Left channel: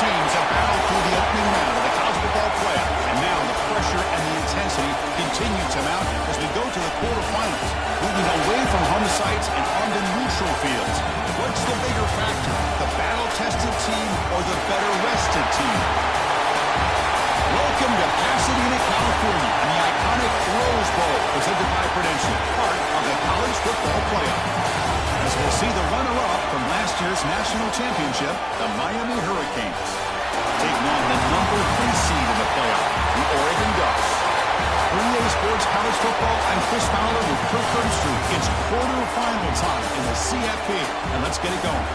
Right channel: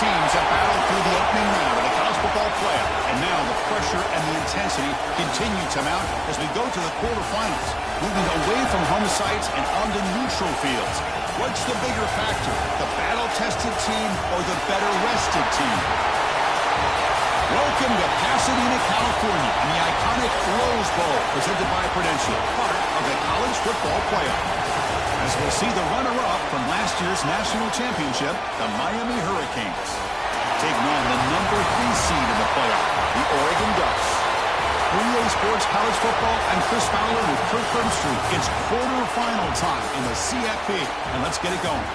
teams have battled through the opening round of the college football playoff, and now the pressure and the intensity continue to mount as we go to the quarterfinals, moving away from home sites and onto neutral fields. What's the bigger factor, the battle-tested team or the better-rested team? Welcome to Pasadena, California, and the iconic Rose Bowl, presented by Prudential, part of the college football playoff. As we'll see the runner-up from last year's national championship, the Miami Hurricanes, taking on the number 3 seed in the playoff, the Oregon Ducks. For EA Sports College Football, I'm Chris Fowler with Kirk Herbstreit. It's quarterfinal time in the CFP, and let's get it going.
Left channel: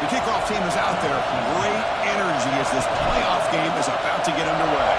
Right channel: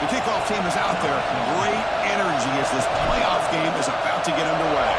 The kickoff team is out there. Great energy as this playoff game is about to get underway.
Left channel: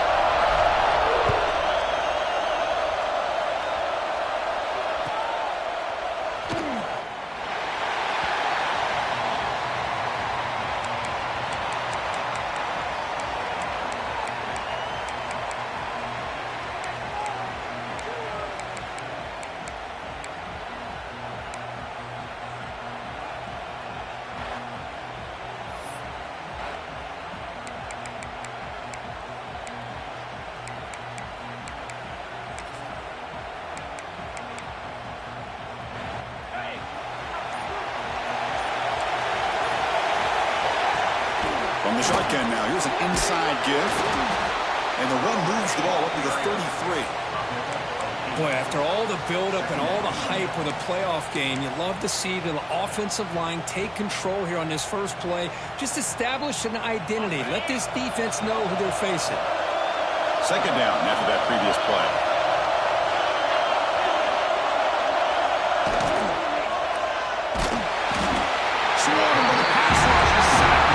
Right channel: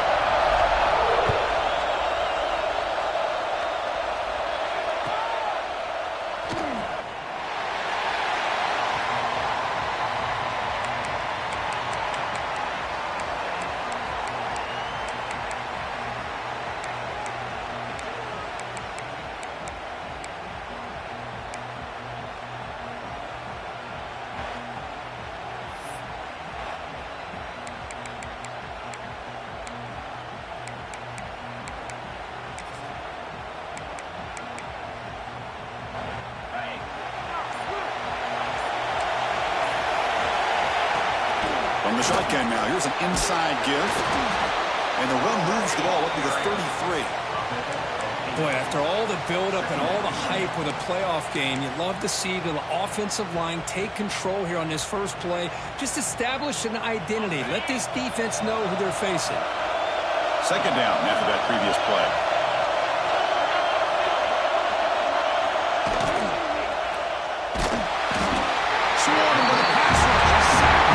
From the shotgun now, here's an inside give. And the run moves the ball up to the 33. Boy, after all the buildup and all the hype with a playoff game, you'd love to see the offensive line take control here on this first play. Just establish an identity. Let this defense know who they're facing. Second down after that previous play. Swarm with a pass rush. A sack.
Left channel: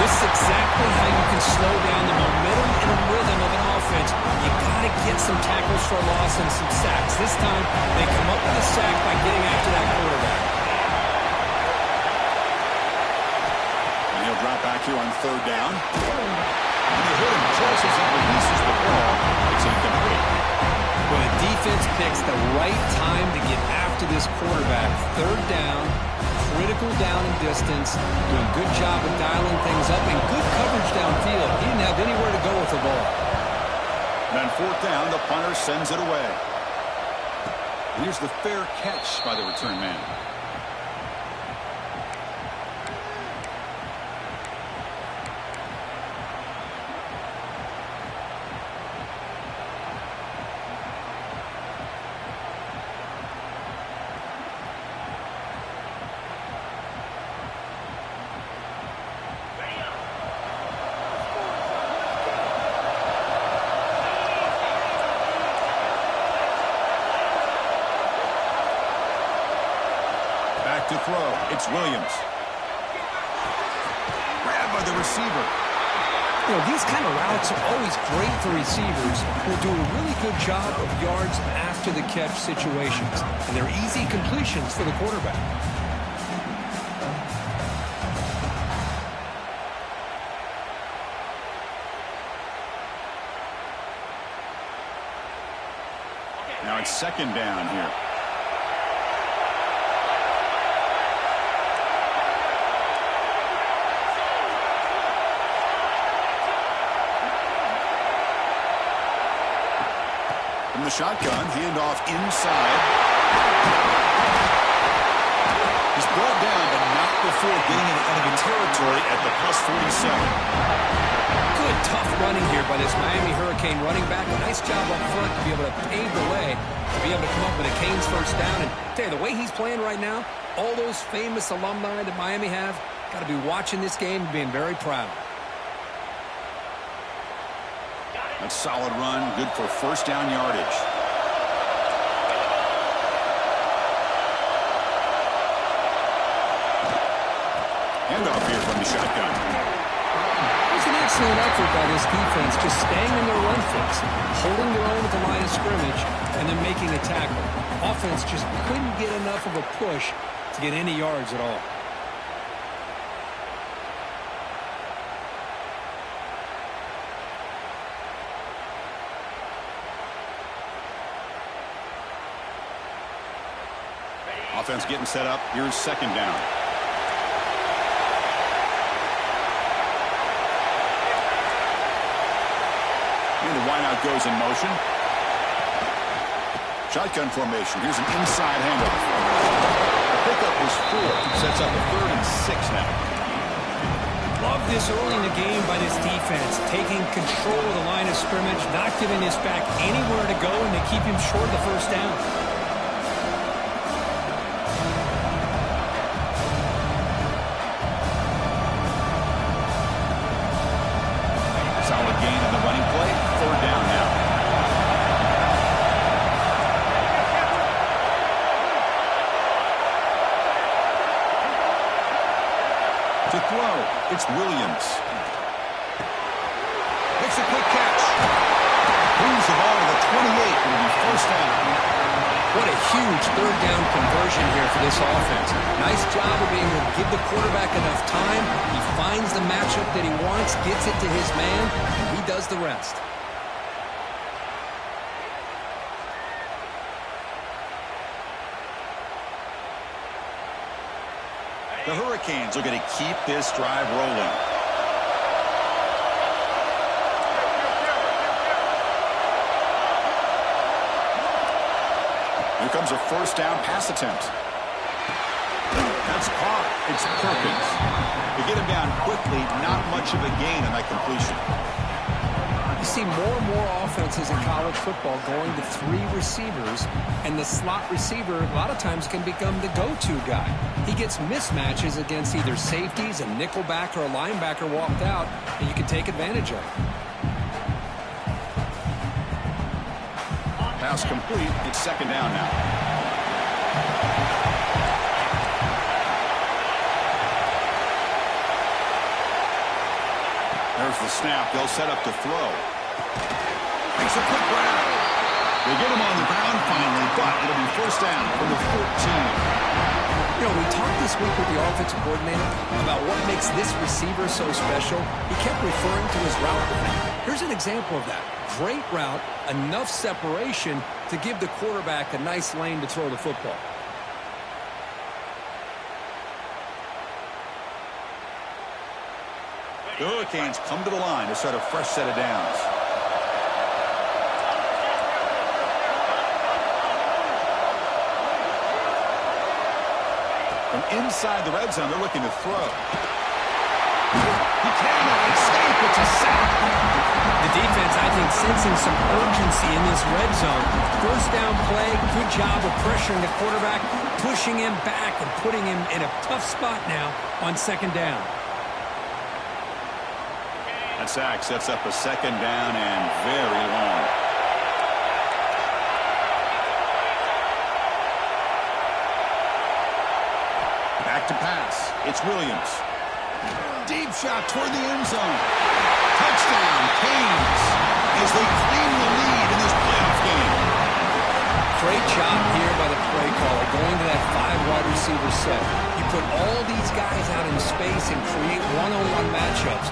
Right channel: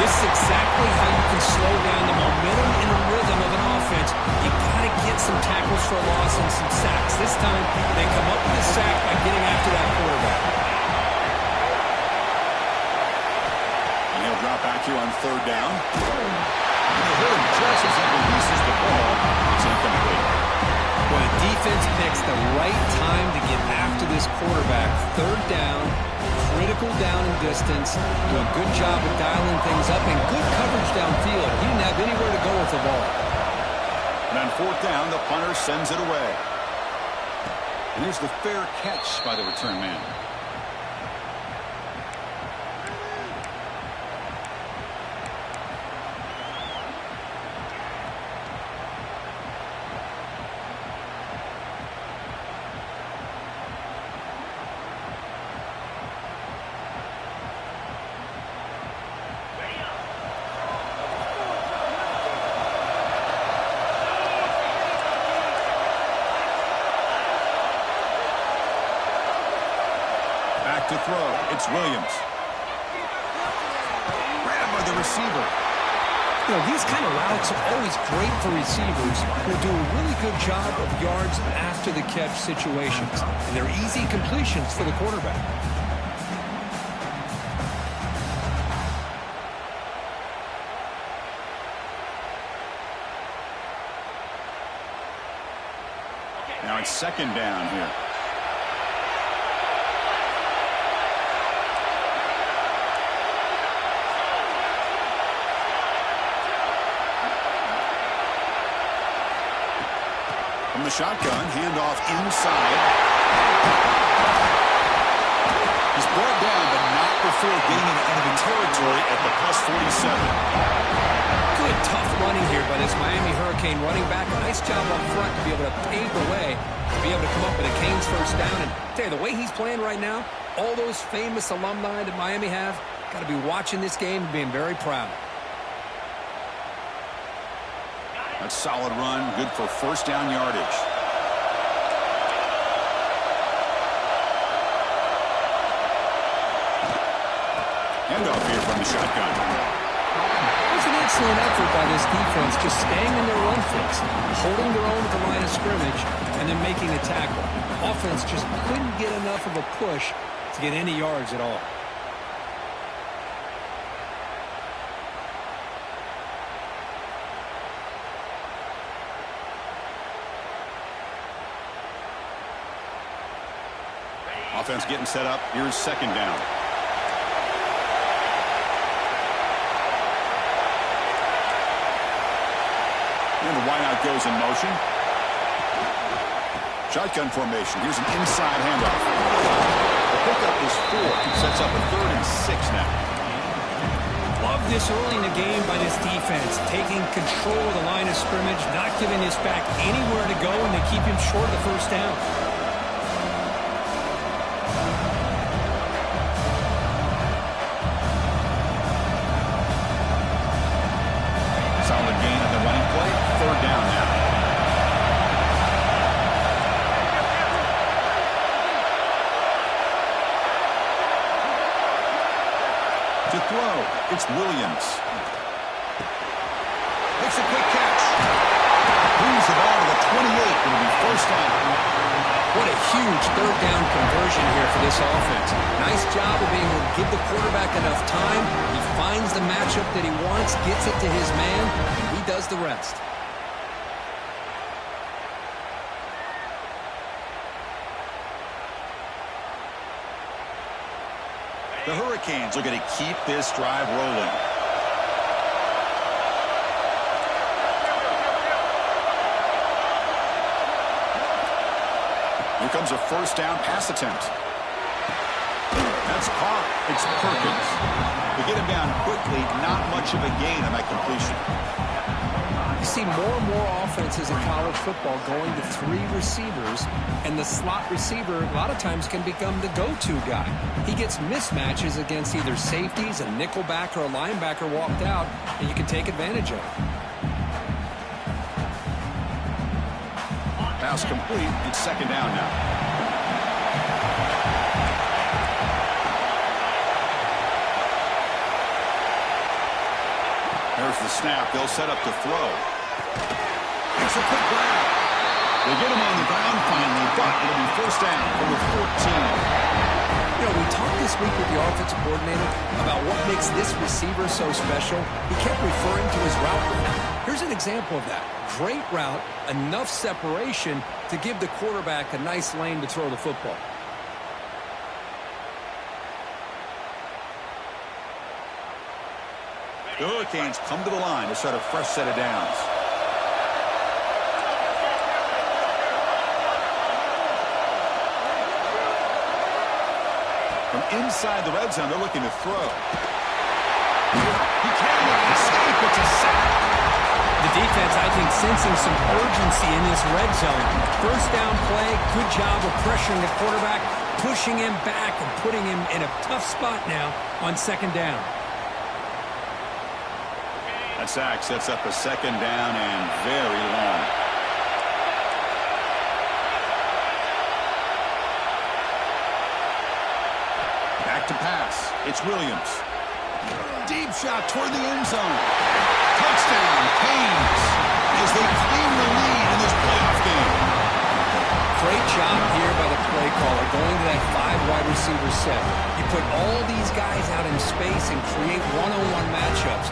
This is exactly how you can slow down the momentum and rhythm of an offense. You got to get some tackles for a loss and some sacks. This time, they come up with a sack by getting after that quarterback. And he'll drop back here on third down. And they hit him just as he releases the ball. It's incomplete. Well, the defense picks the right time to get after this quarterback. Third down, critical down and distance. Doing a good job of dialing things up and good coverage downfield. He didn't have anywhere to go with the ball. And on fourth down, the punter sends it away. And here's the fair catch by the return man. Back to throw. It's Williams. Grabbed by the receiver. You know, these kind of routes are always great for receivers who do a really good job of yards after the catch situations. And they're easy completions for the quarterback. Now it's second down here. From the shotgun, handoff inside. He's brought down, but not before getting into enemy territory at the plus 47. Good, tough running here by this Miami Hurricane running back. A nice job up front to be able to pave the way, to be able to come up with a Canes first down. And tell you, the way he's playing right now, all those famous alumni that Miami have, got to be watching this game and being very proud. That's a solid run, good for first down yardage. Handoff here from the shotgun. It was an excellent effort by this defense, just staying in their run fix, holding their own at the line of scrimmage, and then making a tackle. Offense just couldn't get enough of a push to get any yards at all. Offense getting set up. Here's second down. And the wideout goes in motion. Shotgun formation. Here's an inside handoff. The pickup is 4. Sets up a 3rd and 6 now. Love this early in the game by this defense. Taking control of the line of scrimmage, not giving this back anywhere to go, and they keep him short of the first down. Solid gain on the running play. 3rd down now. To throw, it's Williams. Makes a quick catch. Moves the ball to the 28. It'll be first down. What a huge 3rd down conversion here for this offense. Nice job of being able to give the quarterback enough time. He finds the matchup that he wants, gets it to his man, and he does the rest. The Hurricanes are going to keep this drive rolling. Here comes a first down pass attempt. That's caught. It's Perkins. To get him down quickly, not much of a gain on that completion. You see more and more offenses in college football going to 3 receivers, and the slot receiver a lot of times can become the go-to guy. He gets mismatches against either safeties, a nickelback, or a linebacker walked out, and you can take advantage of it. Pass complete. It's second down now. There's the snap. They'll set up to throw. Makes a quick grab. They get him on the ground finally, but it'll be first down from the 14. You know, we talked this week with the offensive coordinator about what makes this receiver so special. He kept referring to his route running. Here's an example of that. Great route, enough separation to give the quarterback a nice lane to throw the football. The Hurricanes come to the line to start a fresh set of downs. From inside the red zone, they're looking to throw. He cannot escape. It's a sack. The defense, I think, sensing some urgency in this red zone. First down play, good job of pressuring the quarterback, pushing him back and putting him in a tough spot now on second down. That sack sets up a second down and very long. Back to pass. It's Williams. Deep shot toward the end zone. Touchdown, Canes, as they claim the lead in this playoff game. Great job here by the play caller, going to that 5 wide receiver set. You put all these guys out in space and create one-on-one matchups.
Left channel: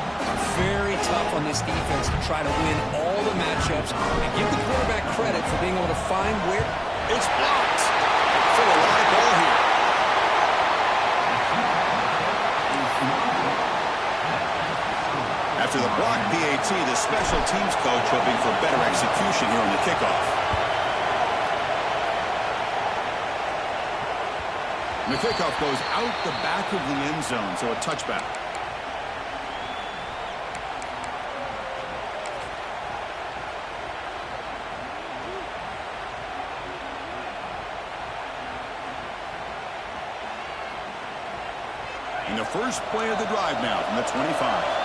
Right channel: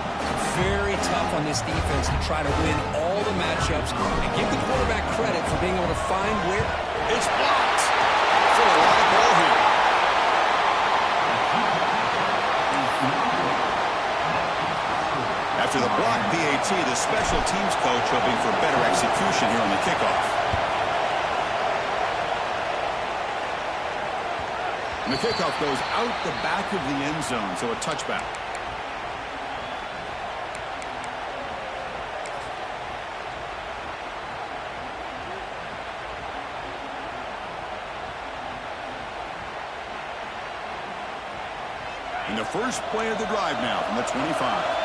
Very tough on this defense to try to win all the matchups and give the quarterback credit for being able to find where. It's blocked. So a live ball here. After the block PAT, the special teams coach hoping for better execution here on the kickoff. And the kickoff goes out the back of the end zone, so a touchback. And the first play of the drive now from the 25.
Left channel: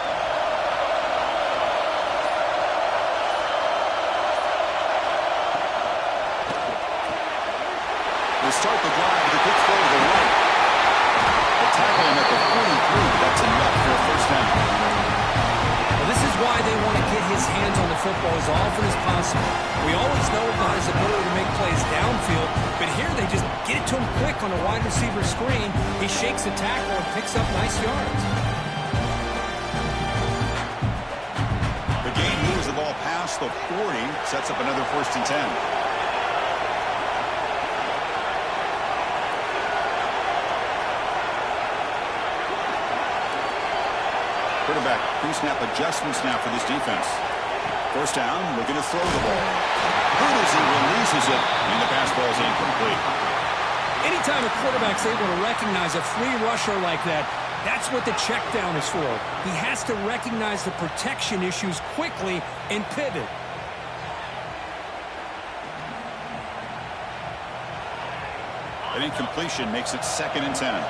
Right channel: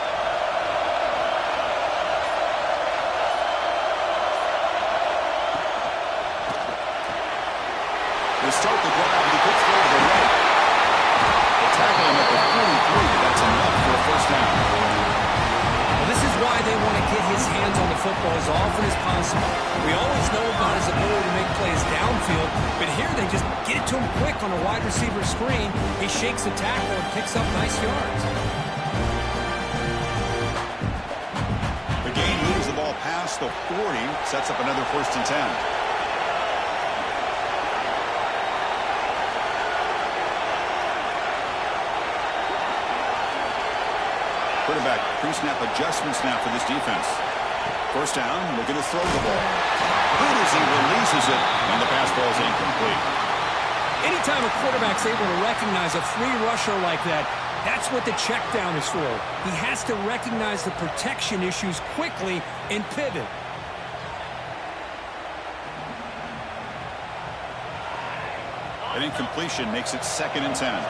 They start the drive with a quick throw to the right. They tackle him at the 43. That's enough for a first down. Well, this is why they want to get his hands on the football as often as possible. We always know about his ability to make plays downfield, but here they just get it to him quick on a wide receiver screen. He shakes the tackle and picks up nice yards. The game moves the ball past the 40, sets up another 1st and 10. Quarterback pre-snap adjustments now for this defense. First down, looking to throw the ball. Good as he releases it, and the pass ball is incomplete. Anytime a quarterback's able to recognize a free rusher like that, that's what the check down is for. He has to recognize the protection issues quickly and pivot. An incompletion makes it 2nd and 10.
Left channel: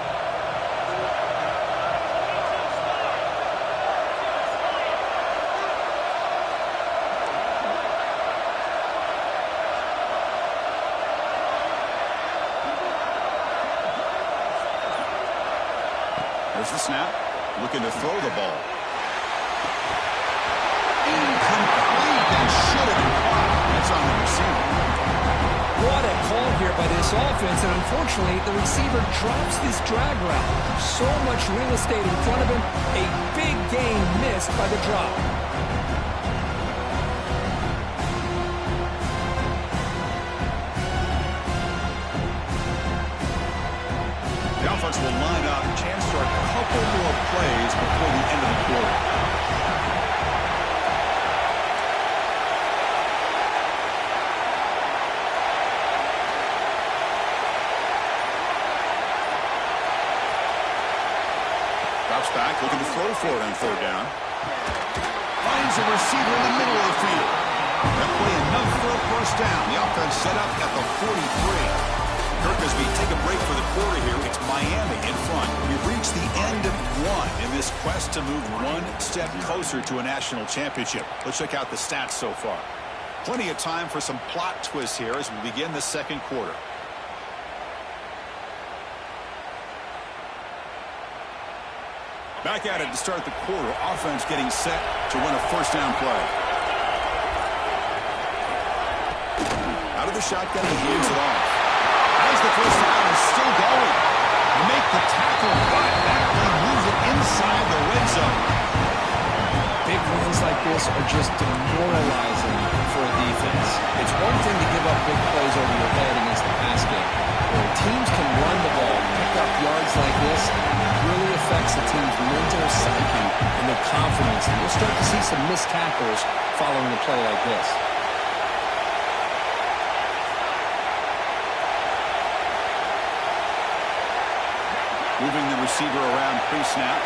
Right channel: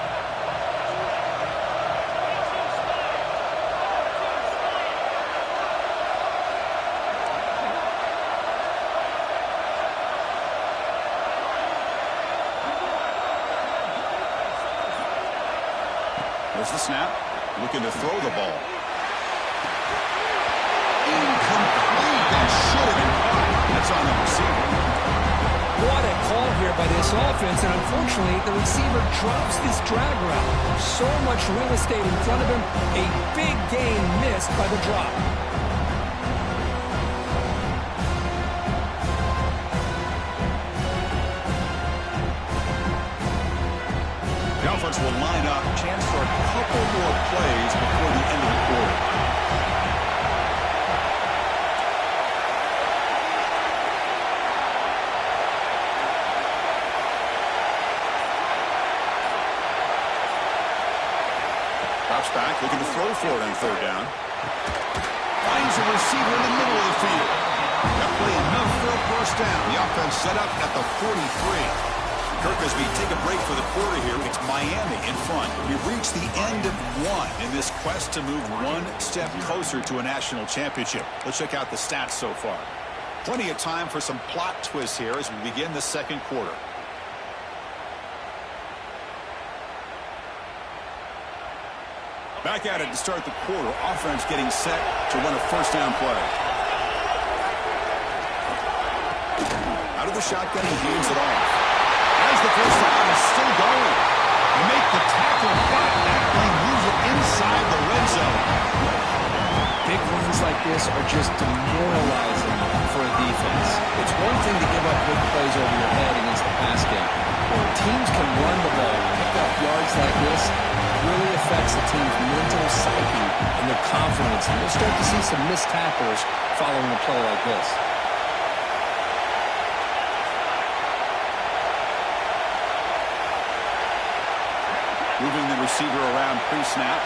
There's the snap. Looking to throw the ball. Incomplete. That should have been caught. That's on the receiver. What a call here by this offense, and unfortunately, the receiver drops this drag route. So much real estate in front of him. A big gain missed by the drop. The offense will line up, chance for a couple more plays before the end of the quarter. Drops back, looking to throw for it on 3rd down. Finds a receiver in the middle of the field. That play enough for a first down. The offense set up at the 43. Kirk, as we take a break for the quarter here, it's Miami in front. We've reached the end of one in this quest to move one step closer to a national championship. Let's check out the stats so far. Plenty of time for some plot twists here as we begin the 2nd quarter. Back at it to start the quarter. Offense getting set to run a first down play. Out of the shotgun, he hands it off. As the first down is still going. You make the tackle, but that play moves it inside the red zone. Big runs like this are just demoralizing for a defense. It's one thing to give up big plays over your head against the pass game. Where teams can run the ball, pick up yards like this, really affects the team's mental psyche and their confidence. And you'll start to see some missed tackles following a play like this. Moving the receiver around pre-snap.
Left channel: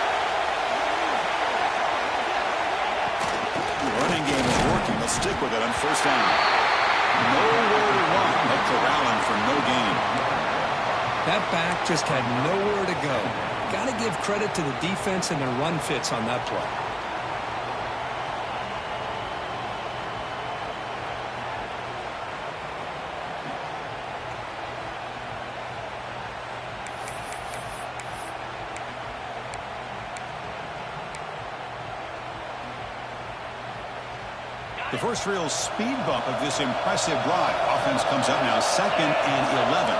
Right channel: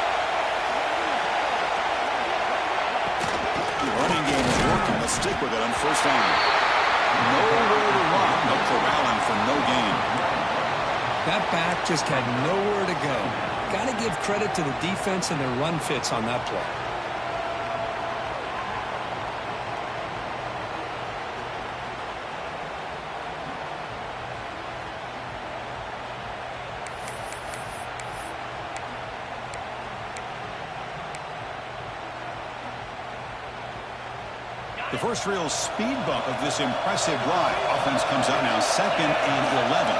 The running game is working. They'll stick with it on first down. Nowhere to run. They'll corral him for no gain. That back just had nowhere to go. Got to give credit to the defense and their run fits on that play. The first real speed bump of this impressive drive. Offense comes up now 2nd and 11.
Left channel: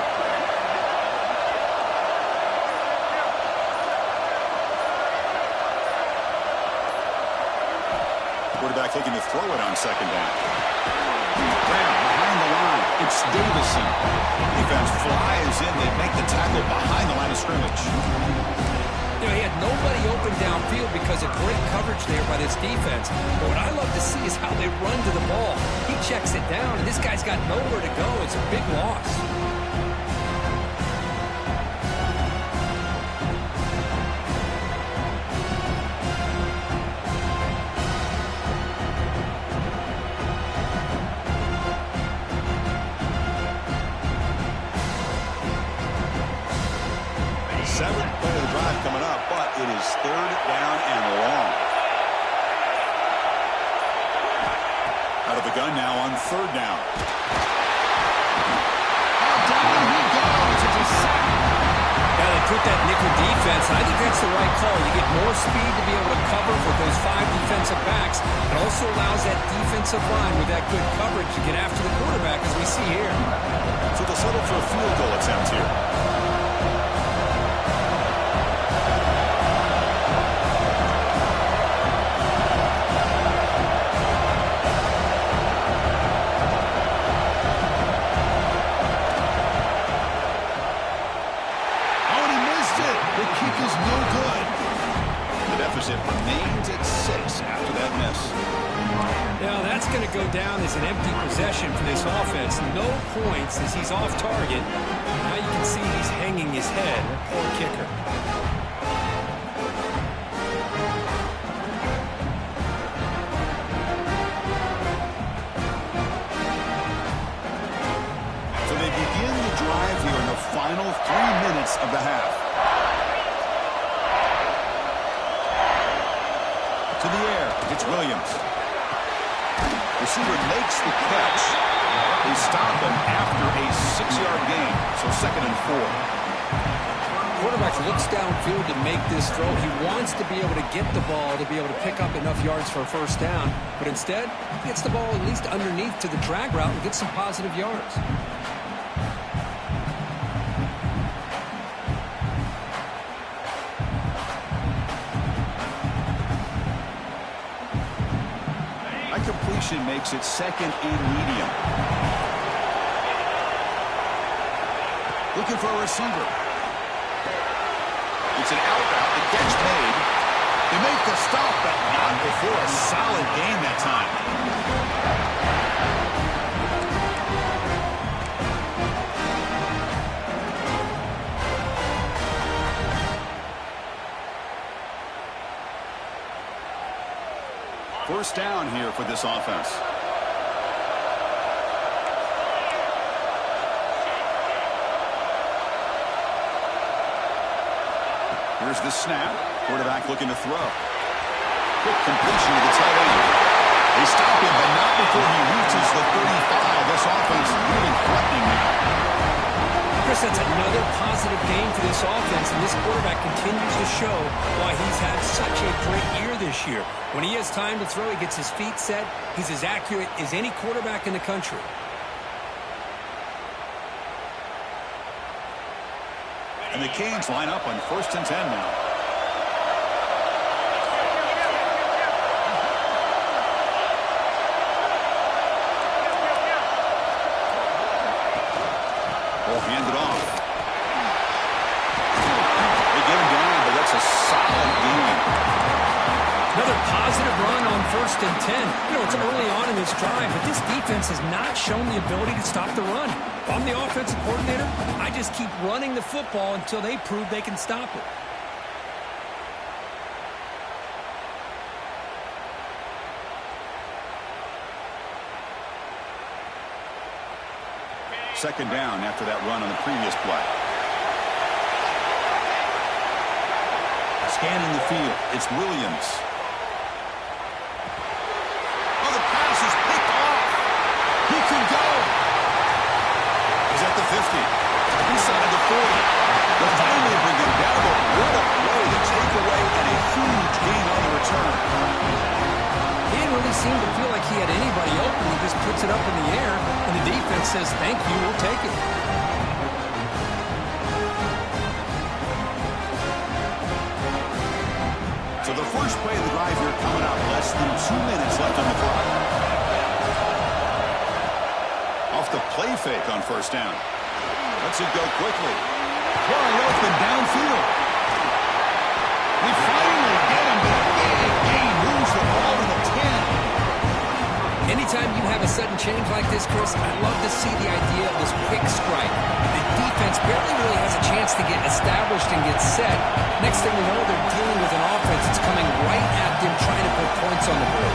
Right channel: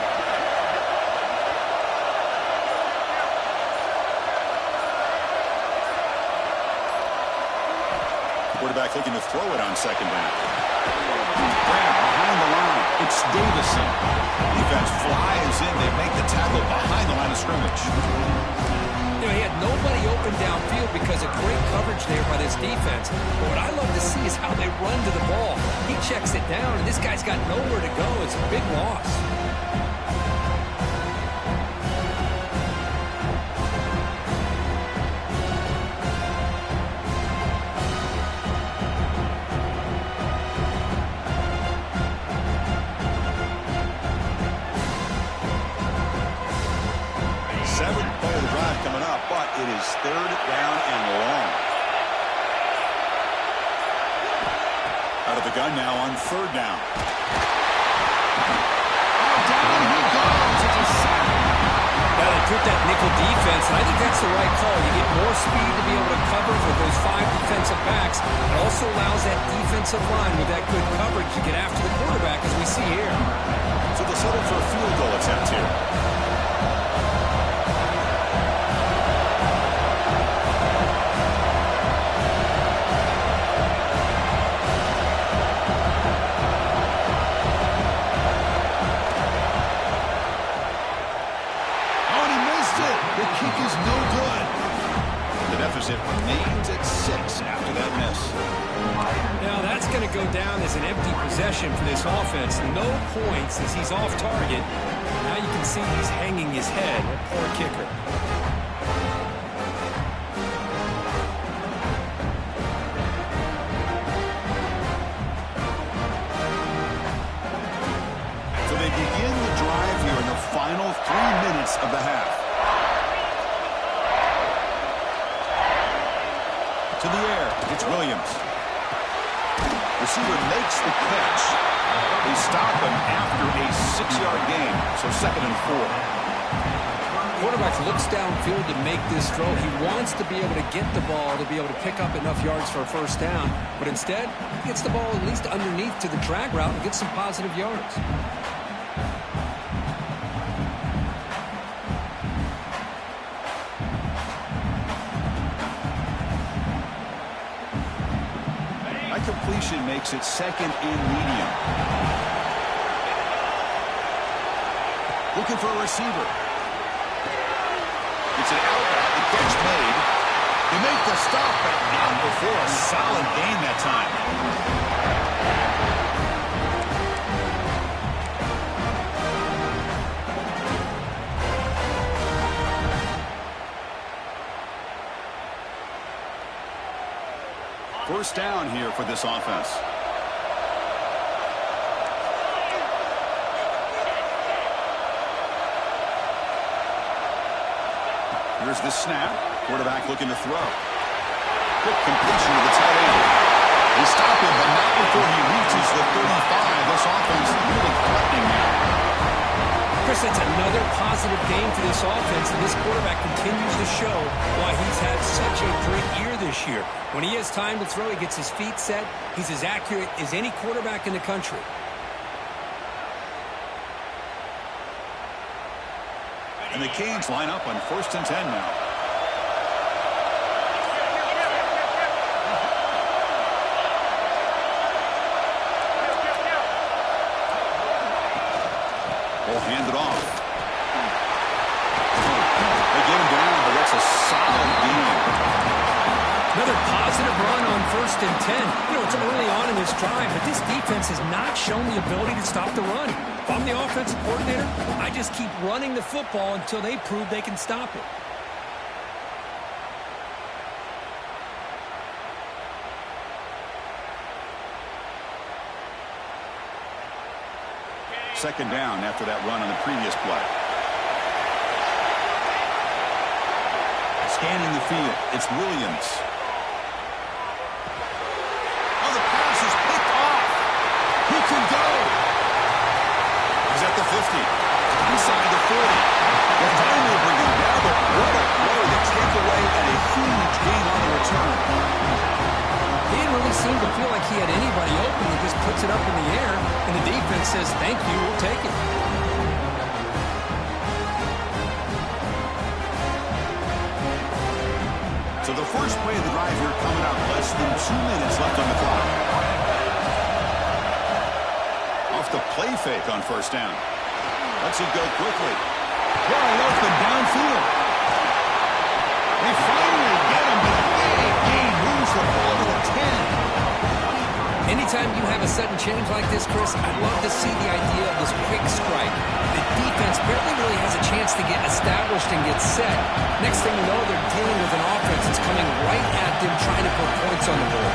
Quarterback looking to throw it on 2nd down. Grab behind the line. It's Davison. Defense flies in. They make the tackle behind the line of scrimmage. You know, he had nobody open downfield because of great coverage there by this defense. But what I love to see is how they run to the ball. He checks it down, and this guy's got nowhere to go. It's a big loss. Seventh play of the drive coming up, but it is 3rd down and long. Out of the gun now on 3rd down. Oh, down he goes. It's a sack. Yeah, they put that nickel defense, and I think that's the right call. You get more speed to be able to cover with those 5 defensive backs. It also allows that defensive line with that good coverage to get after the quarterback, as we see here. So they'll settle for a field goal attempt here. The kick is no good. The deficit remains at That's going to go down as an empty possession for this offense. No points as he's off target. Now you can see he's hanging his head. That poor kicker. So they begin the drive here in the final 3 minutes of the half. To the air, it's Williams. Receiver makes the catch. They stop him after a 6-yard gain, so 2nd and 4. Quarterback looks downfield to make this throw. He wants to be able to get the ball to be able to pick up enough yards for a first down, but instead, he gets the ball at least underneath to the drag route and gets some positive yards. Completion makes it 2nd and medium. Looking for a receiver. It's an out route. The catch made. They make the stop, but not before a solid gain that time. First down here for this offense. Here's the snap. Quarterback looking to throw. Quick completion to the tight end. They stop him, but not before he reaches the 35. This offense really threatening now. Chris, that's another positive game for this offense, and this quarterback continues to show why he's had such a great year this year. When he has time to throw, he gets his feet set. He's as accurate as any quarterback in the country. And the Canes line up on 1st and 10 now. Ball handed off. They get him down, but that's a solid gain. Another positive run on 1st and 10. You know, it's early on in this drive, but this defense has not shown the ability to stop the run. If I'm the offensive coordinator, I just keep running the football until they prove they can stop it. Second down after that run on the previous play. Scanning the field, it's Williams. Oh, the pass is picked off. He can go. He's at the 50. Inside the 40. They'll finally bring him down, but what a play to take away and a huge gain on the return. He didn't really seem to feel like he had anybody open. He just puts it up in the air, and the defense says, thank you, we'll take it. So the first play of the drive here coming up, less than 2 minutes left on the clock. Off the play fake on 1st down. Lets it go quickly. Wide open downfield. They finally get him, but a big gain moves the ball to the 10. Anytime you have a sudden change like this, Chris, I love to see the idea of this quick strike. The defense barely really has a chance to get established and get set. Next thing you know, they're dealing with an offense that's coming right at them, trying to put points on the board.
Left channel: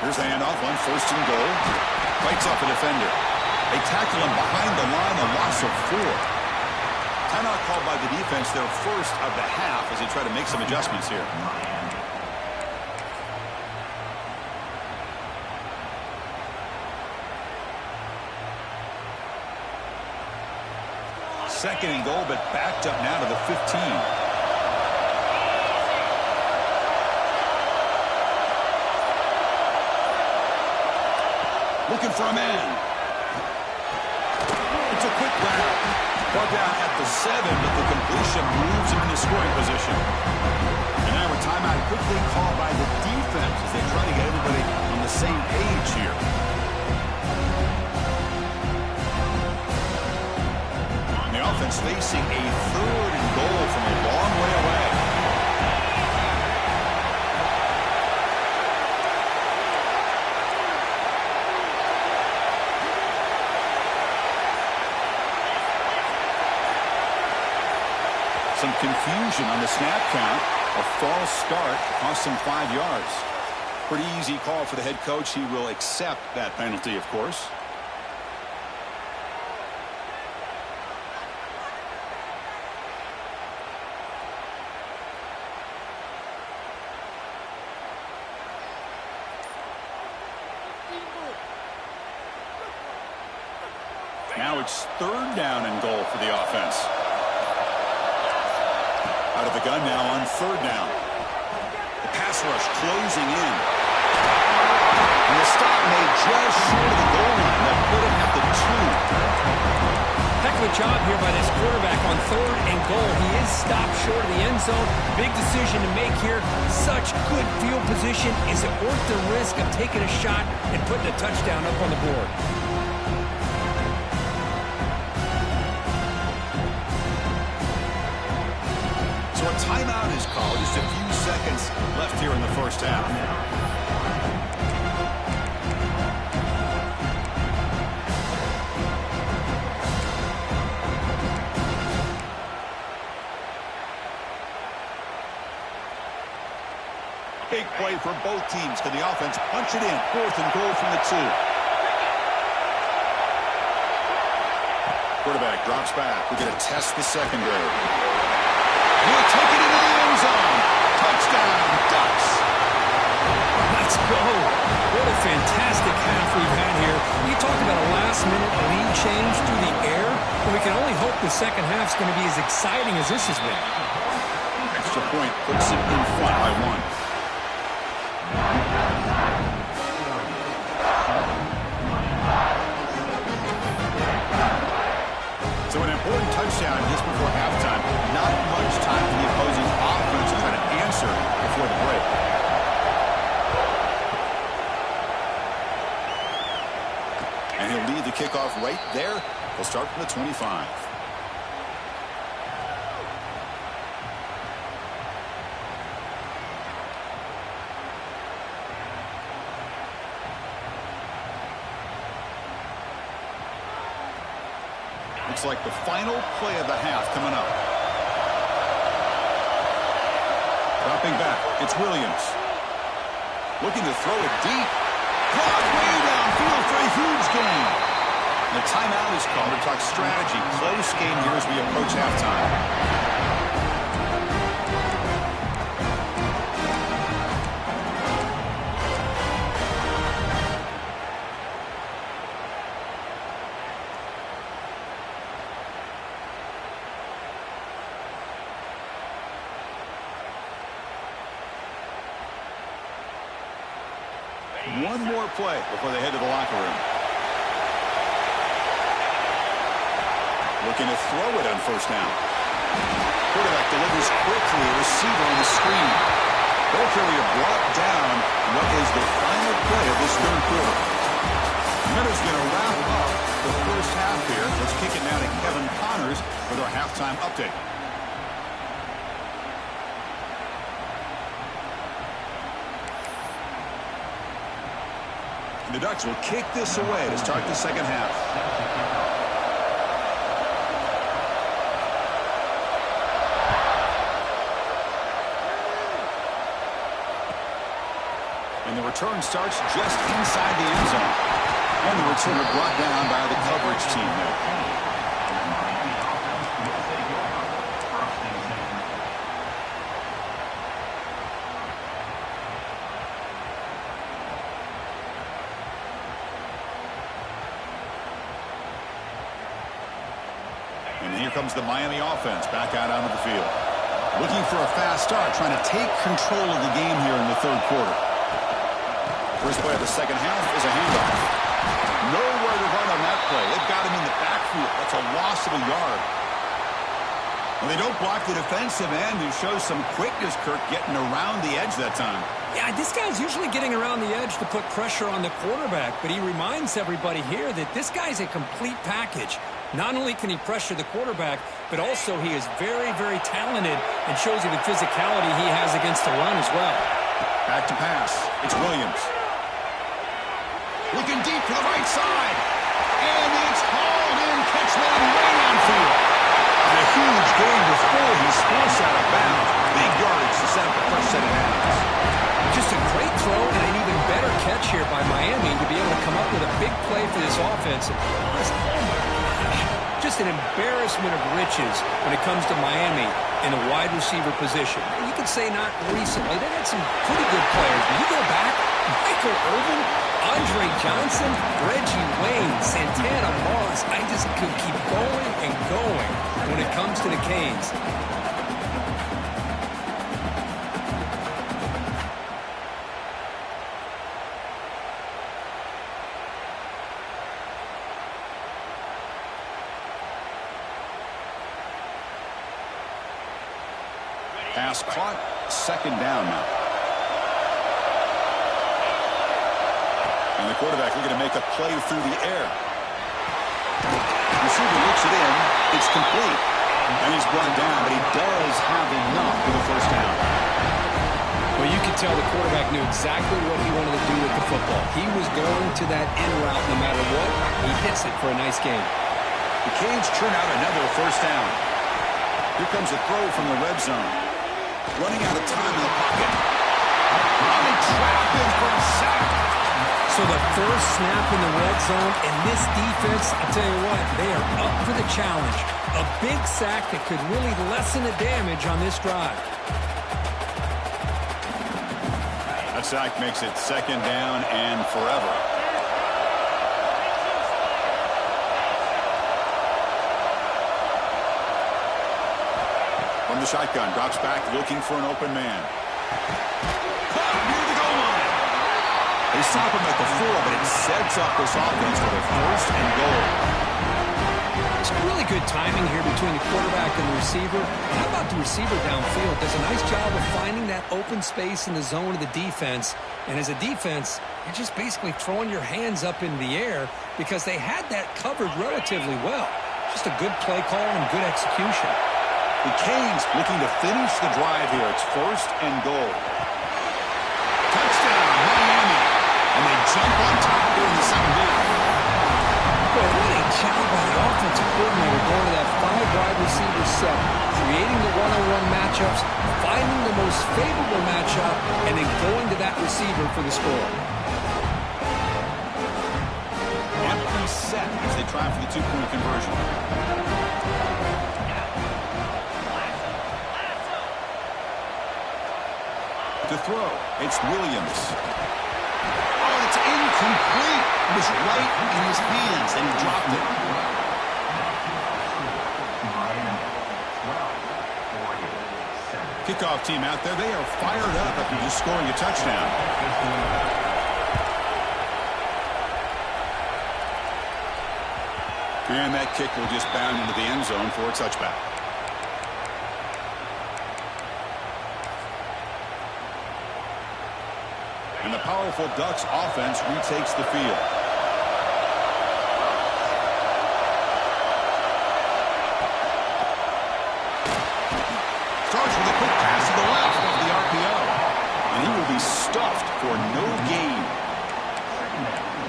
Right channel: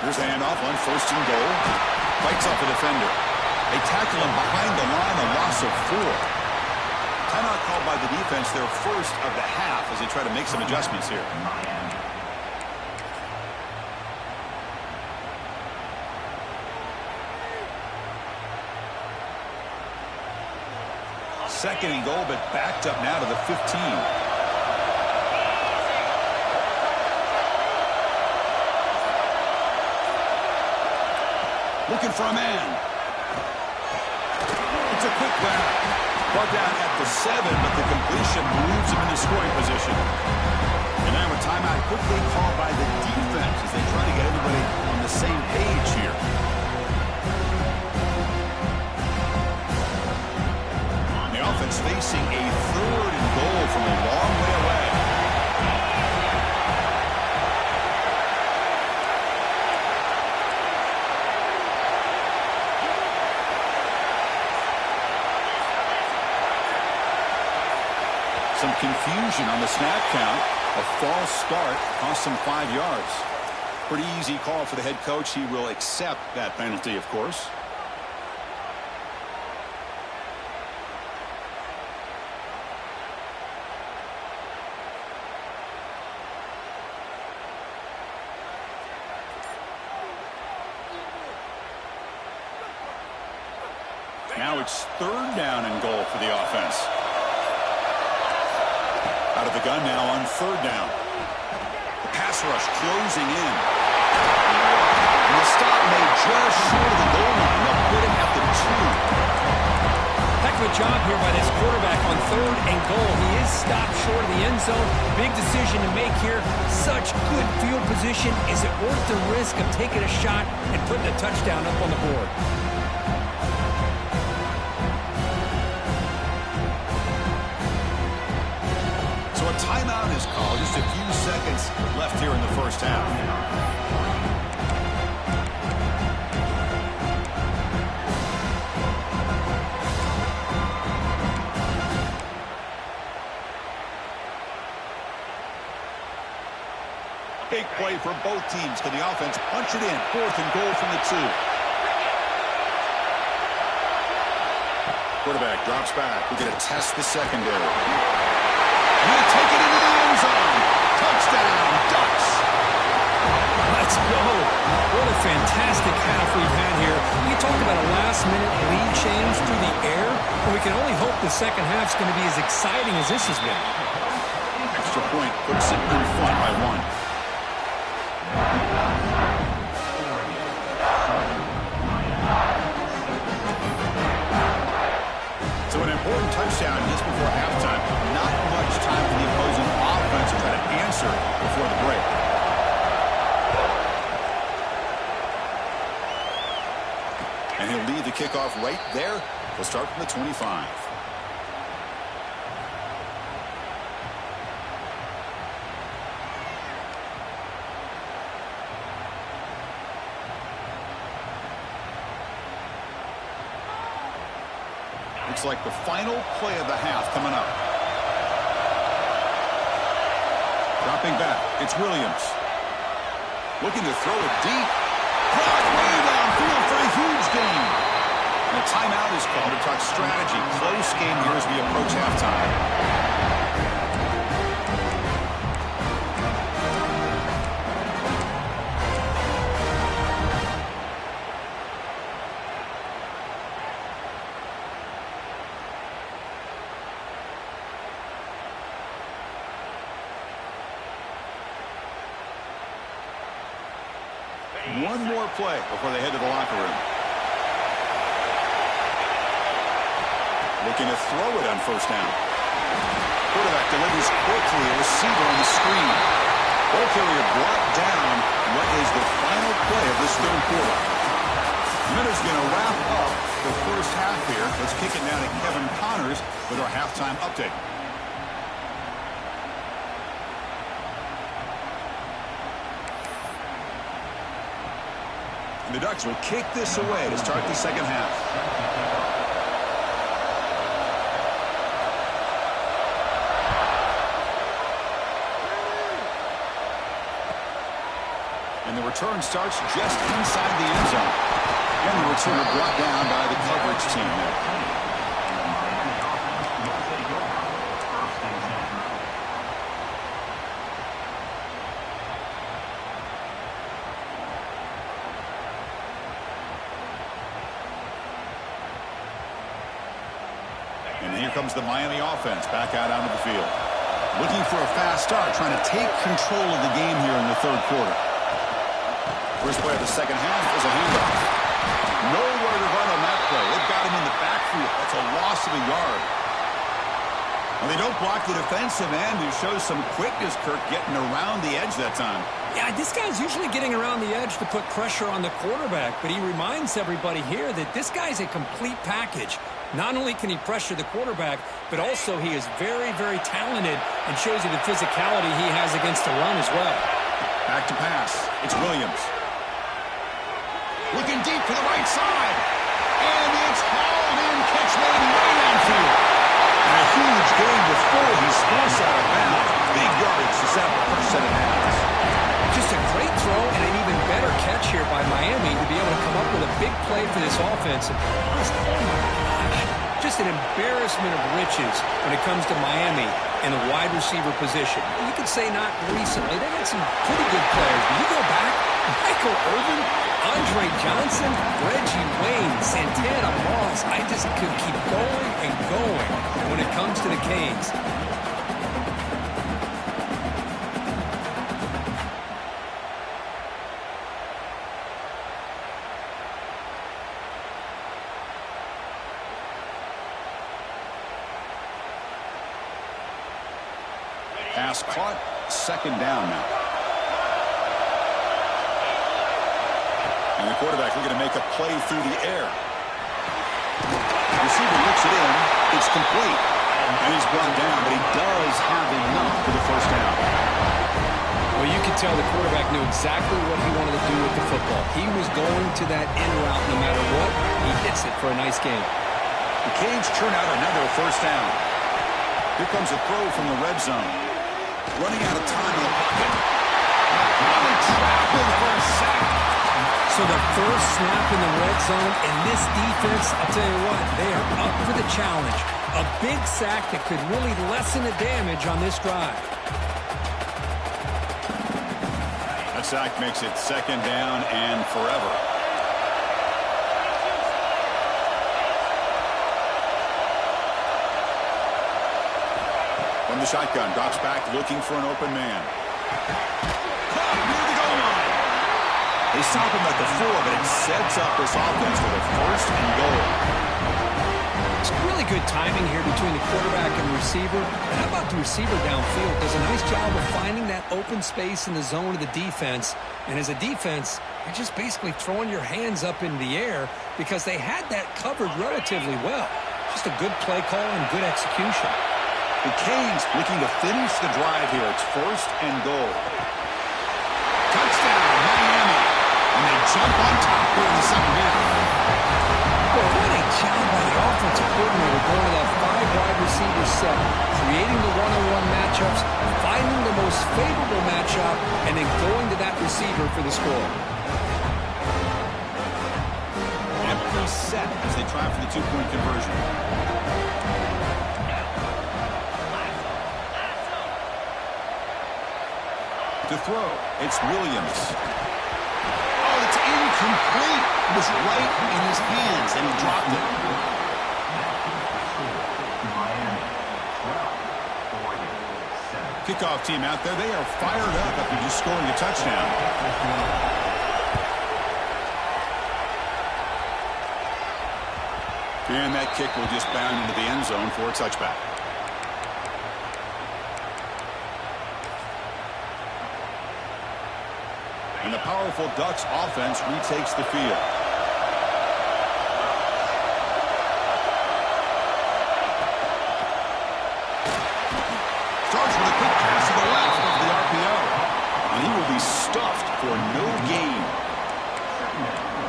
Here's the handoff on 1st and goal. Fights off a defender. They tackle him behind the line, a loss of 4. Timeout called by the defense, their first of the half, as they try to make some adjustments here. Second and goal, but backed up now to the 15. Looking for a man. It's a quick grab. Brought down at the 7, but the completion moves him into scoring position. And now a timeout quickly called by the defense as they try to get everybody on the same page here. offense facing a 3rd and goal from a long way away. Some confusion on the snap count. A false start cost him 5 yards. Pretty easy call for the head coach. He will accept that penalty, of course. Now it's 3rd down and goal for the offense. Out of the gun now on 3rd down. The pass rush closing in. And the stop made just short of the goal line. They'll put it at the 2. Heck of a job here by this quarterback on 3rd and goal. He is stopped short of the end zone. Big decision to make here. Such good field position. Is it worth the risk of taking a shot and putting a touchdown up on the board? So a timeout is called. Just a few seconds left here in the first half. Big play for both teams. Can the offense punch it in? 4th and goal from the 2. Quarterback drops back. We're going to test the secondary. He'll take it into the end zone. Touchdown, Ducks. Let's go. What a fantastic half we've had here. We talked about a last-minute lead change through the air, and we can only hope the second half's going to be as exciting as this has been. Extra point puts it in front by 1. So an important touchdown just before halftime. Not much time for the opposing offense to try to answer before the break. And he'll lead the kickoff right there. He'll start from the 25. Looks like the final play of the half coming up. Dropping back, it's Williams. Looking to throw it deep. Caught way downfield for a huge gain. And a timeout is called to talk strategy. Close game here as we approach halftime. One more play before they head to the locker room. Looking to throw it on 1st down. Quarterback delivers quickly. A receiver on the screen. Ball carrier brought down. What is the final play of this 3rd quarter? Minter's going to wrap up the first half here. Let's kick it now to Kevin Connors with our halftime update. The Ducks will kick this away to start the second half. And the return starts just inside the end zone. And the returner brought down by the coverage team there. And here comes the Miami offense back out onto the field. Looking for a fast start, trying to take control of the game here in the 3rd quarter. First play of the second half is a handoff. Nowhere to run on that play. They've got him in the backfield. That's a loss of a yard. Well, they don't block the defensive end, who shows some quickness, Kirk, getting around the edge that time. Yeah, this guy's usually getting around the edge to put pressure on the quarterback, but he reminds everybody here that this guy's a complete package. Not only can he pressure the quarterback, but also he is very, very talented and shows you the physicality he has against the run as well. Back to pass. It's Williams. Looking deep to the right side. And it's hauled in, catch made way downfield. And a huge gain before he's forced out of bounds. Big yardage to set up the first set of downs. Just a great throw and an even better catch here by Miami to be able to come up with a big play for this offense. And honest, oh my gosh, just an embarrassment of riches when it comes to Miami in the wide receiver position. You could say not recently. They had some pretty good players. But you go back, Michael Irvin, Andre Johnson, Reggie Wayne, Santana Moss. I just could keep going and going when it comes to the Canes. Pass caught, second down now. And the quarterback looking to make a play through the air. Receiver looks it in. It's complete. And he's brought down, but he does have enough for the first down. Well, you could tell the quarterback knew exactly what he wanted to do with the football. He was going to that in route no matter what. He hits it for a nice gain. The Canes churn out another first down. Here comes a throw from the red zone. Running out of time in the pocket. They trap him for a sack. So the first snap in the red zone, and this defense, I'll tell you what, they are up for the challenge. A big sack that could really lessen the damage on this drive. That sack makes it second down and forever. From the shotgun, drops back, looking for an open man. Caught near the goal line. They stop him at the 4, but it sets up this offense for the first and goal. It's really good timing here between the quarterback and the receiver. And how about the receiver downfield? Does a nice job of finding that open space in the zone of the defense. And as a defense, you're just basically throwing your hands up in the air because they had that covered relatively well. Just a good play call and good execution. The Canes looking to finish the drive here. It's first and goal. Touchdown, Miami. And they jump on top here in the second half. Well, what a job by the offensive coordinator going to that 5-wide receiver set, creating the one-on-one matchups, finding the most favorable matchup, and then going to that receiver for the score. Empty set as they try for the two-point conversion. To throw, it's Williams. Oh, it's incomplete. It was right in his hands, and he dropped it. Kickoff team out there. They are fired up after just scoring a touchdown. And that kick will just bound into the end zone for a touchback. And the powerful Ducks offense retakes the field. Starts with a quick pass to the left off the RPO. And he will be stuffed for no gain.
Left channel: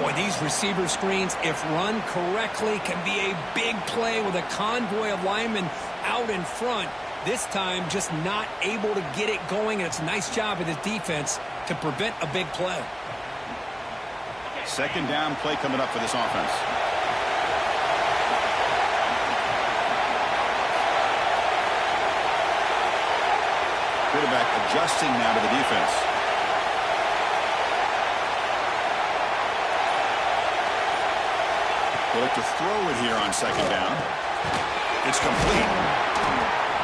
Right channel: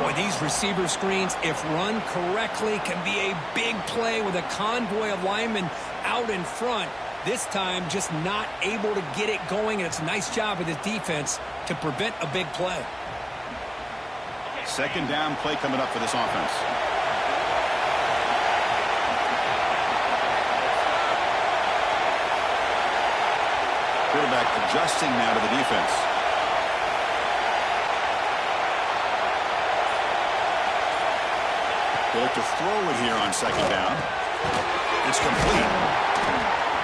Boy, these receiver screens, if run correctly, can be a big play with a convoy of linemen out in front. This time, just not able to get it going, and it's a nice job of this defense to prevent a big play. Second down play coming up for this offense. Quarterback adjusting now to the defense. They look to throw it here on second down. It's complete.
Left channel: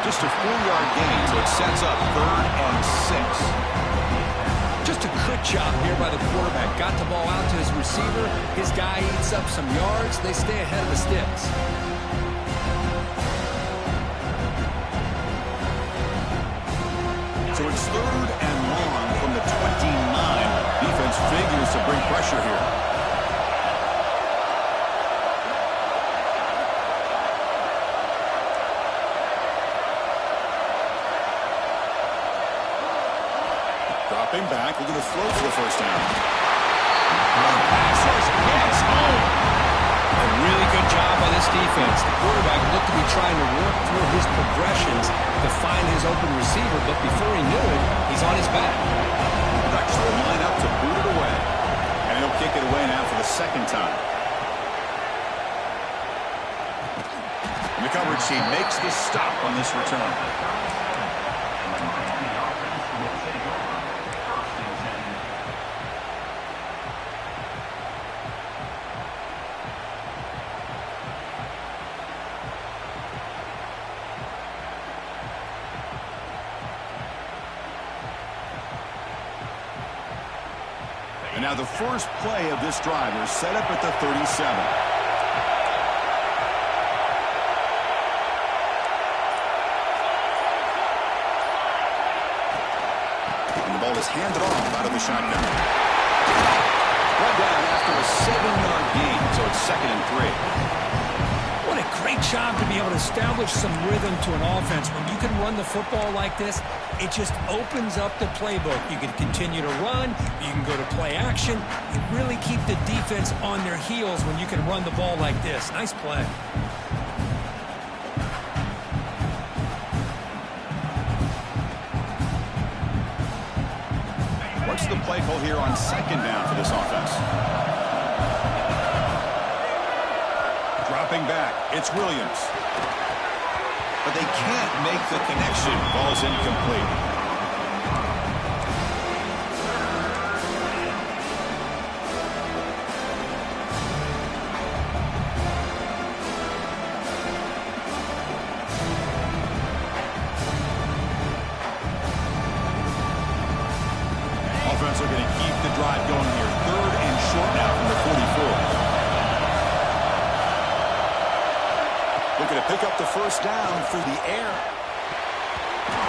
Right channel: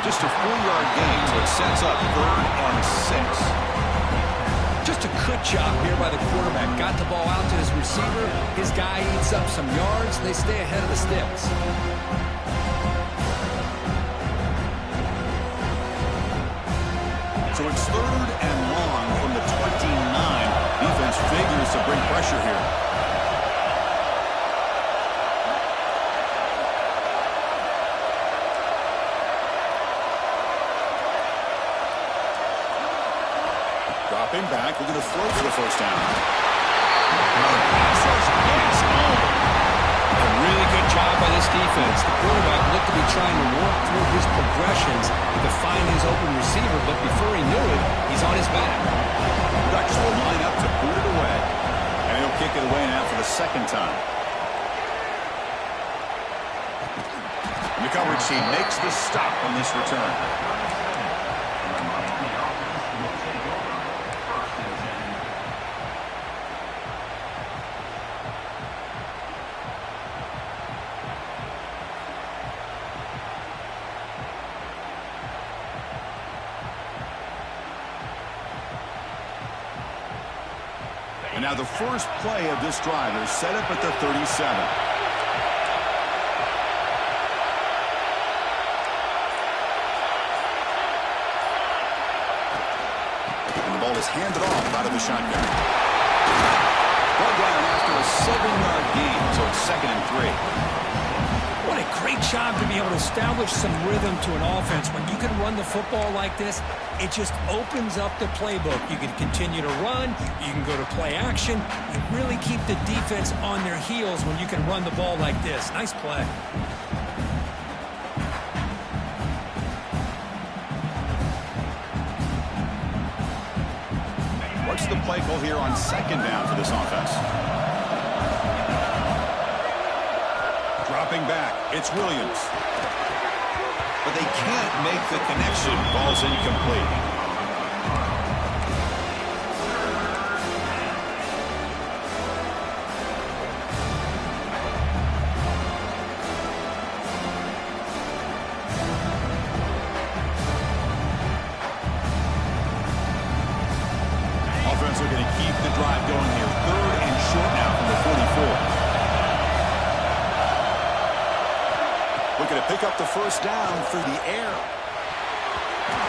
Just a 4-yard gain, so it sets up 3rd and 6. Just a good job here by the quarterback. Got the ball out to his receiver. His guy eats up some yards. They stay ahead of the sticks. So it's 3rd and long from the 29. Defense figures to bring pressure here. Dropping back, looking to throw for the first down. Pass rush, yes, a really good job by this defense. The quarterback looked to be trying to work through his progressions to find his open receiver, but before he knew it, he's on his back. The Ducks will line up to boot it away, and he'll kick it away now for the second time. And the coverage team makes the stop on this return. And now the first play of this drive is set up at the 37. And the ball is handed off out of the shotgun. Brought down after a 7-yard gain, so it's 2nd and 3. What a great job to be able to establish some rhythm to an offense. When you can run the football like this, it just opens up the playbook. You can continue to run. You can go to play action. You really keep the defense on their heels when you can run the ball like this. Nice play. What's the play call here on 2nd down for this offense? Dropping back, it's Williams. But they can't make the connection. Ball's incomplete. Offense looking to keep the drive going here. 3rd and short now from the 44. Looking to pick up the first down through the air.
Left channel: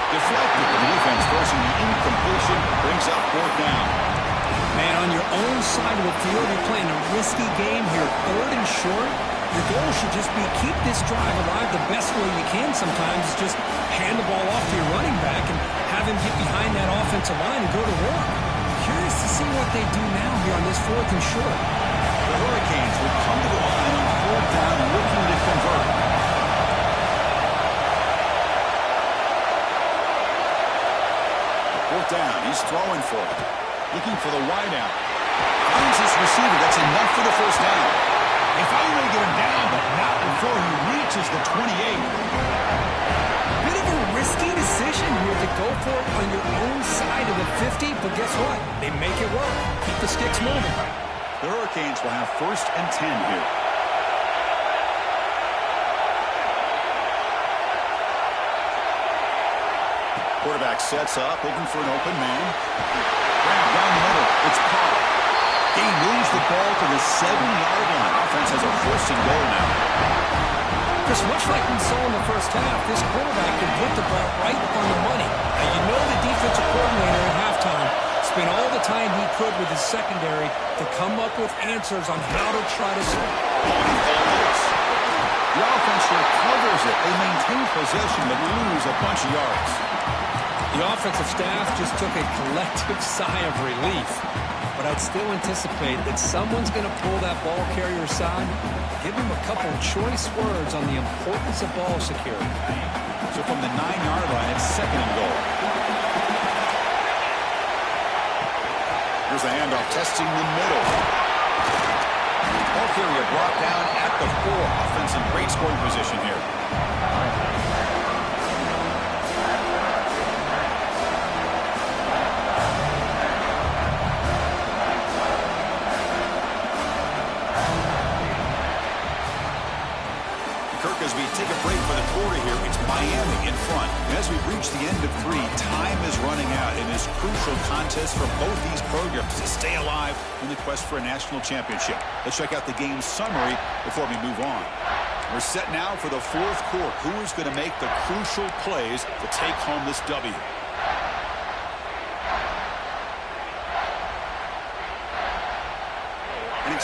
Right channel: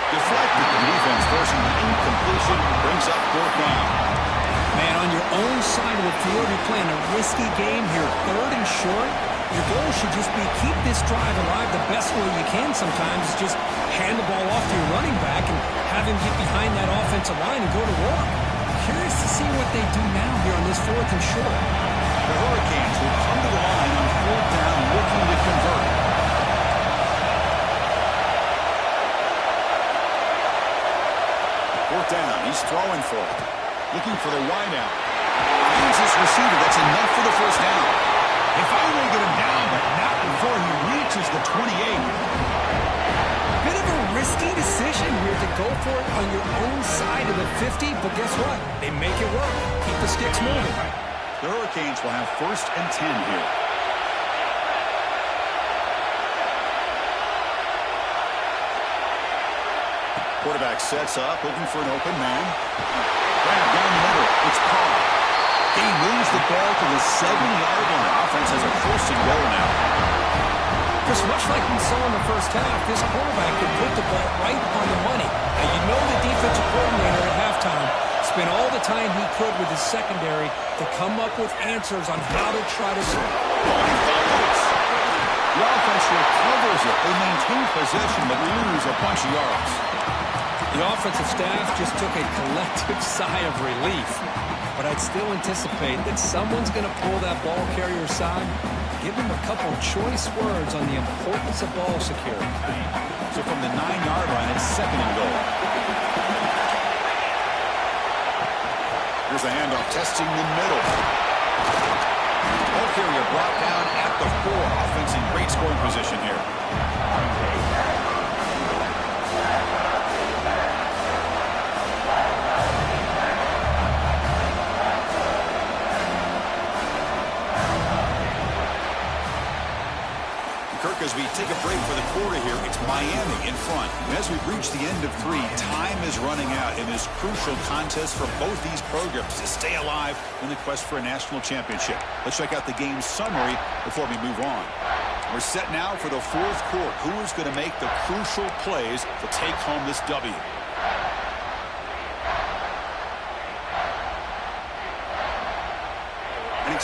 Deflected. The defense forcing the incompletion. Brings up 4th down. Man, on your own side of the field, you're playing a risky game here. 3rd and short. Your goal should just be keep this drive alive the best way you can sometimes. Is just hand the ball off to your running back and have him get behind that offensive line and go to work. Curious to see what they do now here on this 4th and short. The Hurricanes will come to the line on 4th down looking to convert. 4th down, he's throwing for it. Looking for the wideout. Finds his receiver, that's enough for the first down. They finally get him down, but not before he reaches the 28. Bit of a risky decision here to go for it on your own side of the 50, but guess what? They make it work. Keep the sticks moving. The Hurricanes will have 1st and 10 here. Quarterback sets up, looking for an open man. Grab down the middle. It's Carr. He moves the ball to the 7-yard line. Offense has a 1st and goal now. Chris, much like we saw in the first half, this quarterback can put the ball right on the money. Now, you know the defensive coordinator at halftime spent all the time he could with his secondary to come up with answers on how to try to score. Oh, he fumbles. The offense recovers it. They maintain possession but lose a bunch of yards. The offensive staff just took a collective sigh of relief. But I'd still anticipate that someone's going to pull that ball carrier aside, give him a couple choice words on the importance of ball security. So from the 9-yard line, it's 2nd and goal. Here's the handoff, testing the middle. Ball carrier brought down at the 4. Offense in great scoring position here. Kirk, as we take a break for the quarter here, it's Miami in front. And as we've reached the end of 3, time is running out in this crucial contest for both these programs to stay alive in the quest for a national championship. Let's check out the game summary before we move on. We're set now for the 4th quarter. Who is going to make the crucial plays to take home this W?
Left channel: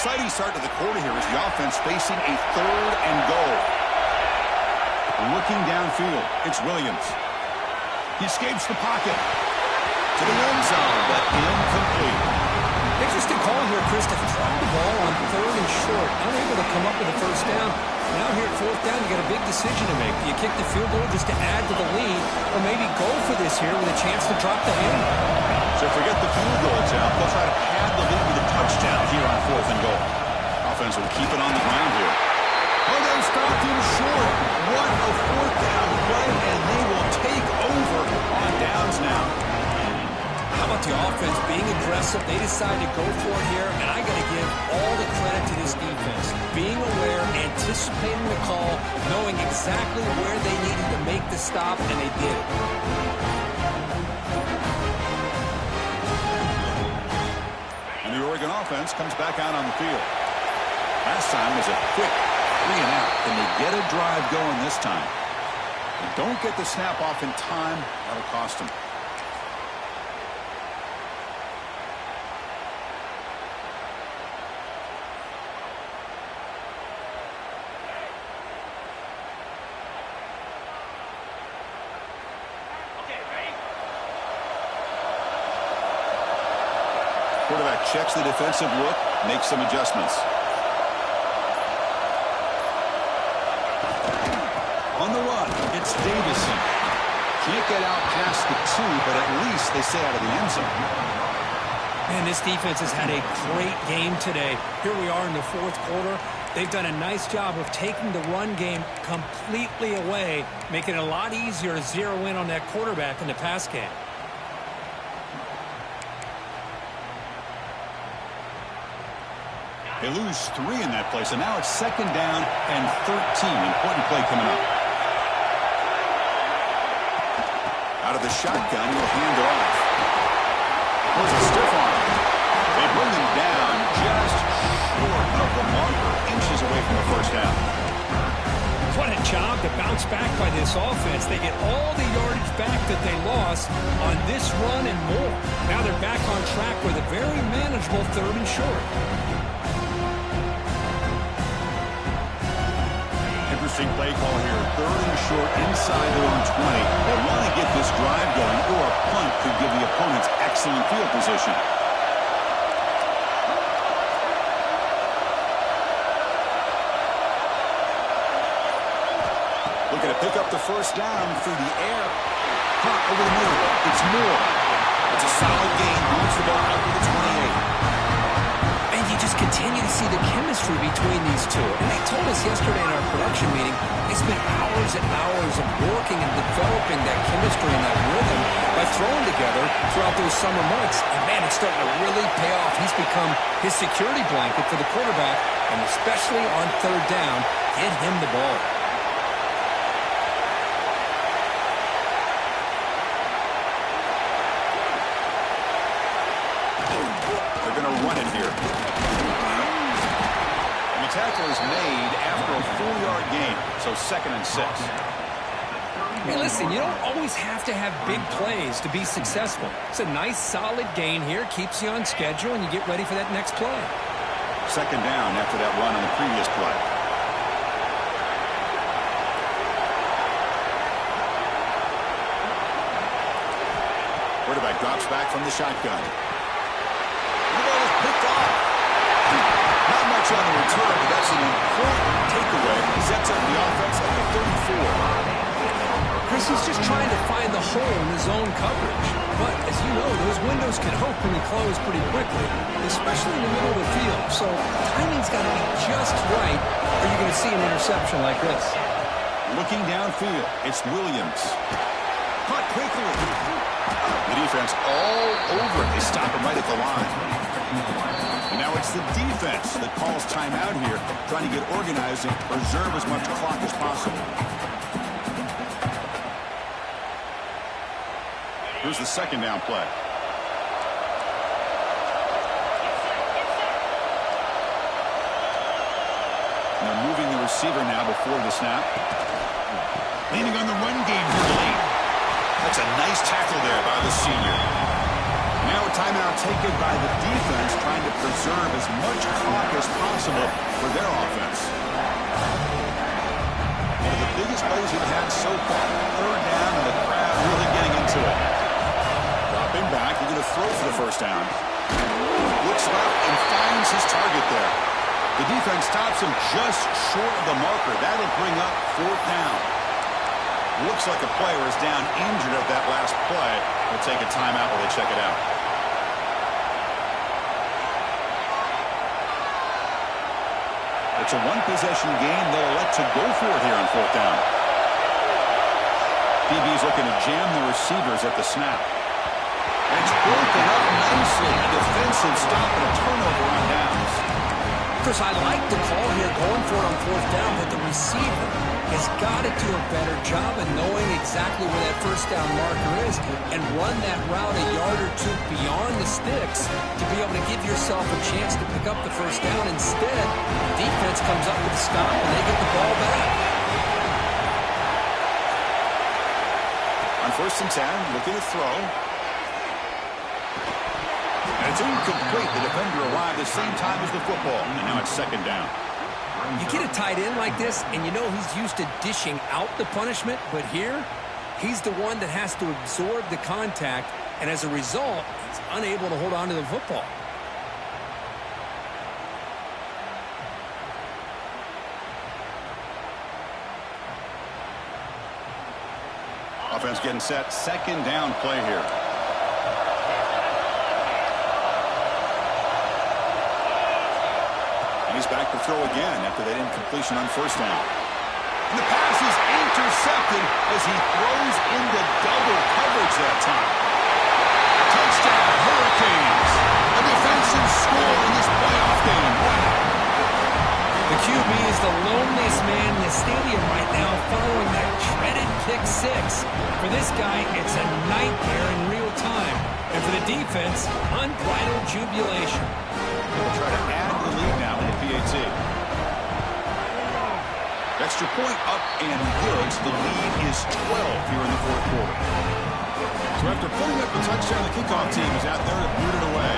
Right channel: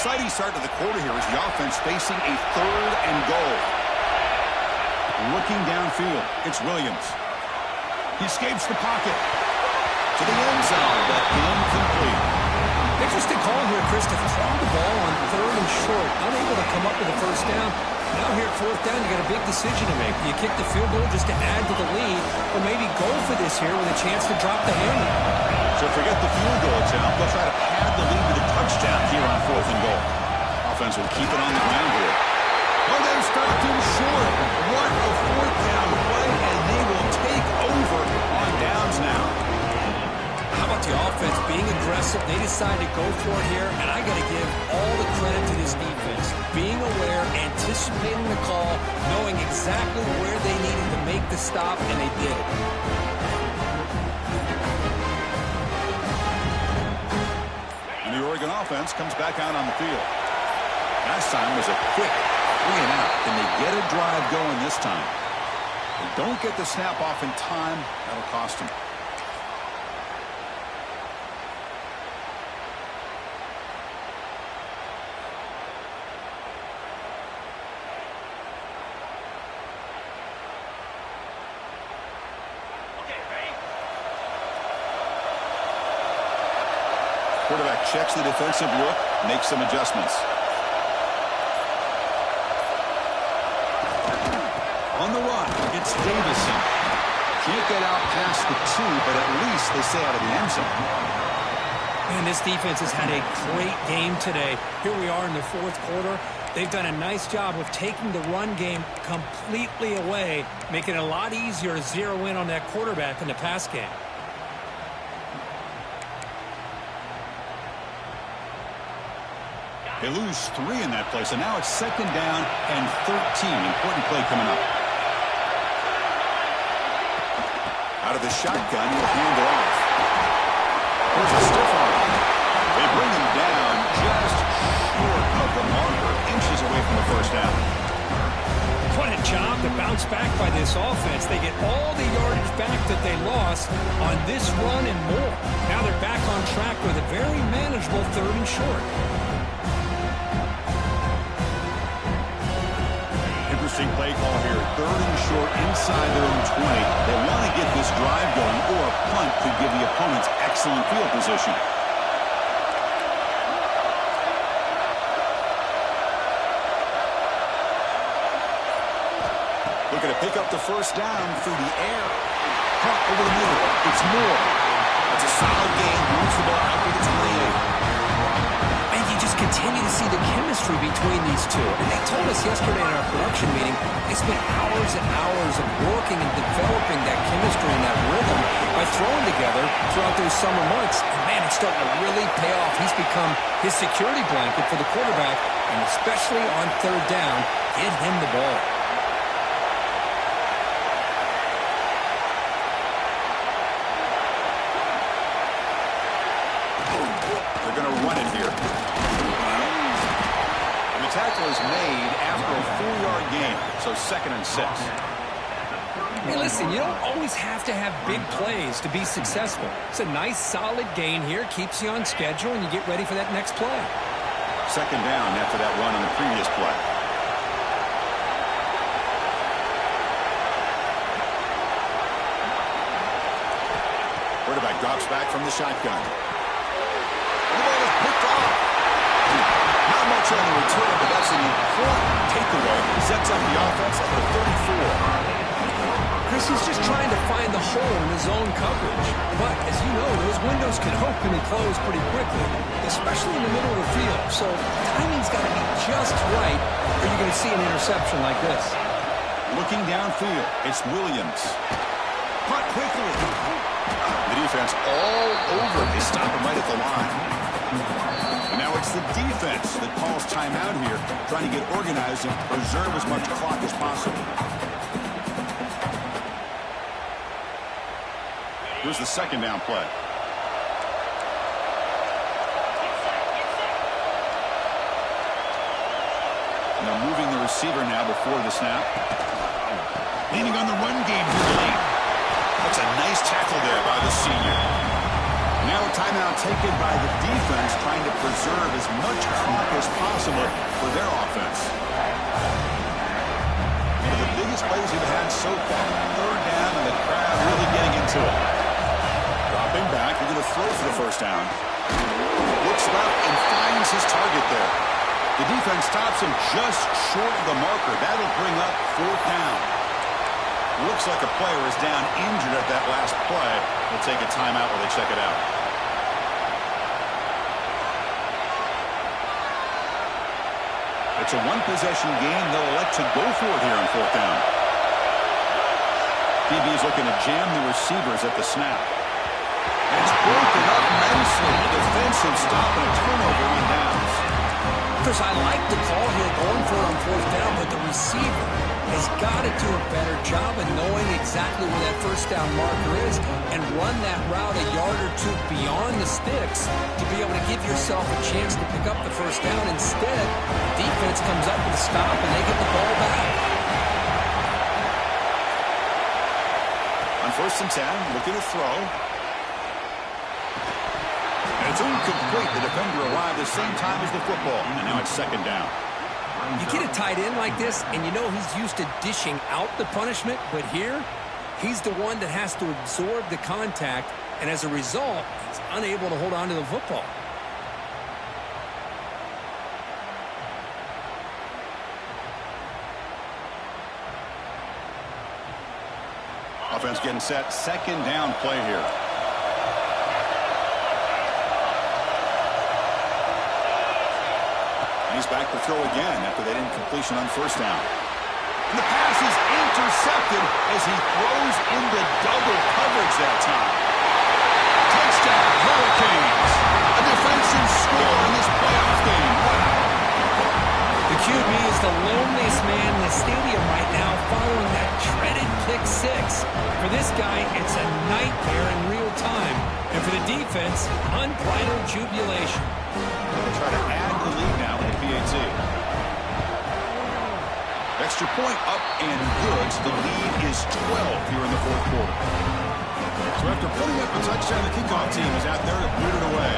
exciting start to the quarter here as the offense facing a 3rd and goal. Looking downfield, it's Williams. He escapes the pocket to the end zone, but incomplete. Interesting call here, Chris, to throw the ball on 3rd and short, unable to come up with a first down. Now here at 4th down, you got a big decision to make. Do you kick the field goal just to add to the lead, or maybe go for this here with a chance to drop the hammer? So forget the field goal attempt. They'll try to pad the lead with a touchdown here on 4th and goal. Offense will keep it on the ground here. Oh, they stopped him short. What a 4th down play, and they will take over on downs now. How about the offense being aggressive? They decided to go for it here, and I got to give all the credit to this defense. Being aware, anticipating the call, knowing exactly where they needed to make the stop, and they did it. And the Oregon offense comes back out on the field. Last time was a quick 3 and out. Can they get a drive going this time? They don't get the snap off in time. That'll cost them. Quarterback checks the defensive look, makes some adjustments. On the run, it's Davison. Can't get out past the 2, but at least they stay out of the end zone. Man, this defense has had a great game today. Here we are in the 4th quarter. They've done a nice job of taking the run game completely away, making it a lot easier to zero in on that quarterback in the pass game. They lose 3 in that play, so now it's 2nd down and 13. Important play coming up. Out of the shotgun, he'll hand it off. Here's a stiff arm. They bring him down just short of the marker, inches away from the first down. What a job to bounce back by this offense. They get all the yardage back that they lost on this run and more. Now they're back on track with a very manageable 3rd and short. Interesting play call here. 3rd and short inside their own 20. They want to get this drive going, or a punt could give the opponents excellent field position. Looking to pick up the first down through the air. Caught over the middle. It's Moore. That's a solid gain. Moves the ball out to the 28. And you just continue to see the chemistry between these two. And they told us yesterday in our production meeting, they spent hours and hours of working and developing that chemistry and that rhythm by throwing together throughout those summer months. And man, it's starting to really pay off. He's become his security blanket for the quarterback, and especially on 3rd down, get him the ball. They're going to run it here. And the tackle is made after a 4-yard gain, so 2nd and 6. Hey, listen, you don't always have to have big plays to be successful. It's a nice, solid gain here, keeps you on schedule, and you get ready for that next play. 2nd down after that run on the previous play. Quarterback drops back from the shotgun. The ball is picked off. Not much on the return, but that's an important takeaway. Sets up the offense at the 34. Chris is just trying to find the hole in his own coverage. But, as you know, those windows can open and close pretty quickly, especially in the middle of the field. So, timing's got to be just right, or you're going to see an interception like this. Looking downfield, it's Williams. Caught quickly. The defense all over it. They stop him right at the line. And now it's the defense that calls timeout here, trying to get organized and preserve as much clock as possible. Here's the 2nd down play. Now moving the receiver now before the snap. Leaning on the run game here late. That's a nice tackle there by the senior. Now a timeout taken by the defense, trying to preserve as much clock as possible for their offense. One of the biggest plays we've had so far. Third down, and the crowd really getting into it. Dropping back, they're going to throw for the first down. Looks left and finds his target there. The defense stops him just short of the marker. That'll bring up fourth down. Looks like a player is down injured at that last play. We'll take a timeout while they check it out. It's a one-possession game. They'll elect to go for it here on fourth down. DB's looking to jam the receivers at the snap. And it's broken up nicely. A defensive stop and a turnover on downs. Chris, I like the call here going for it on fourth down, but the receiver has got to do a better job of knowing exactly where that first down marker is and run that route a yard or two beyond the sticks to be able to give yourself a chance to pick up the first down. Instead, defense comes up with a stop and they get the ball back. On first and 10, looking to throw. And it's incomplete. The defender arrived the same time as the football. And now it's second down. You get a tight end like this, and you know he's used to dishing out the punishment, but here, he's the one that has to absorb the contact, and as a result, he's unable to hold on to the football. Offense getting set. Second down play here. And he's back to throw again after that incompletion on first down. And the pass is intercepted as he throws into double coverage that time. Touchdown, Hurricanes. A defensive score in this playoff game. Wow. The QB is the loneliest man in the stadium right now following that dreaded pick six. For this guy, it's a nightmare in real time. And for the defense, unbridled jubilation. They'll try to add to the lead now with the PAT. Extra point up and good. So the lead is 12 here in the fourth quarter. So after putting up a touchdown, the kickoff team is out there to boot it away.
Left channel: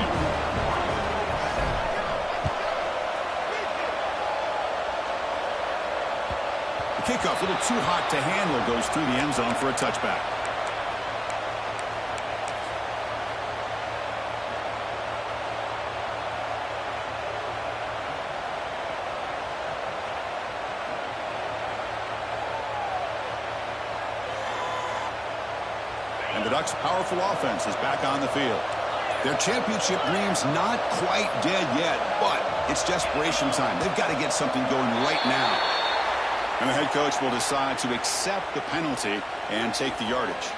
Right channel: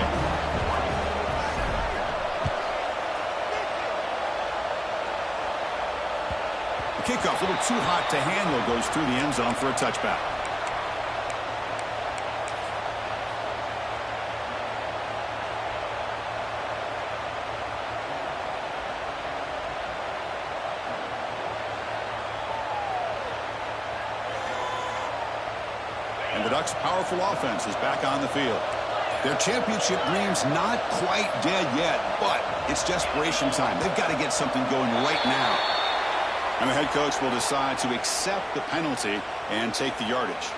The kickoff, a little too hot to handle, goes through the end zone for a touchback. And the Ducks' powerful offense is back on the field. Their championship dream's not quite dead yet, but it's desperation time. They've got to get something going right now. And the head coach will decide to accept the penalty and take the yardage.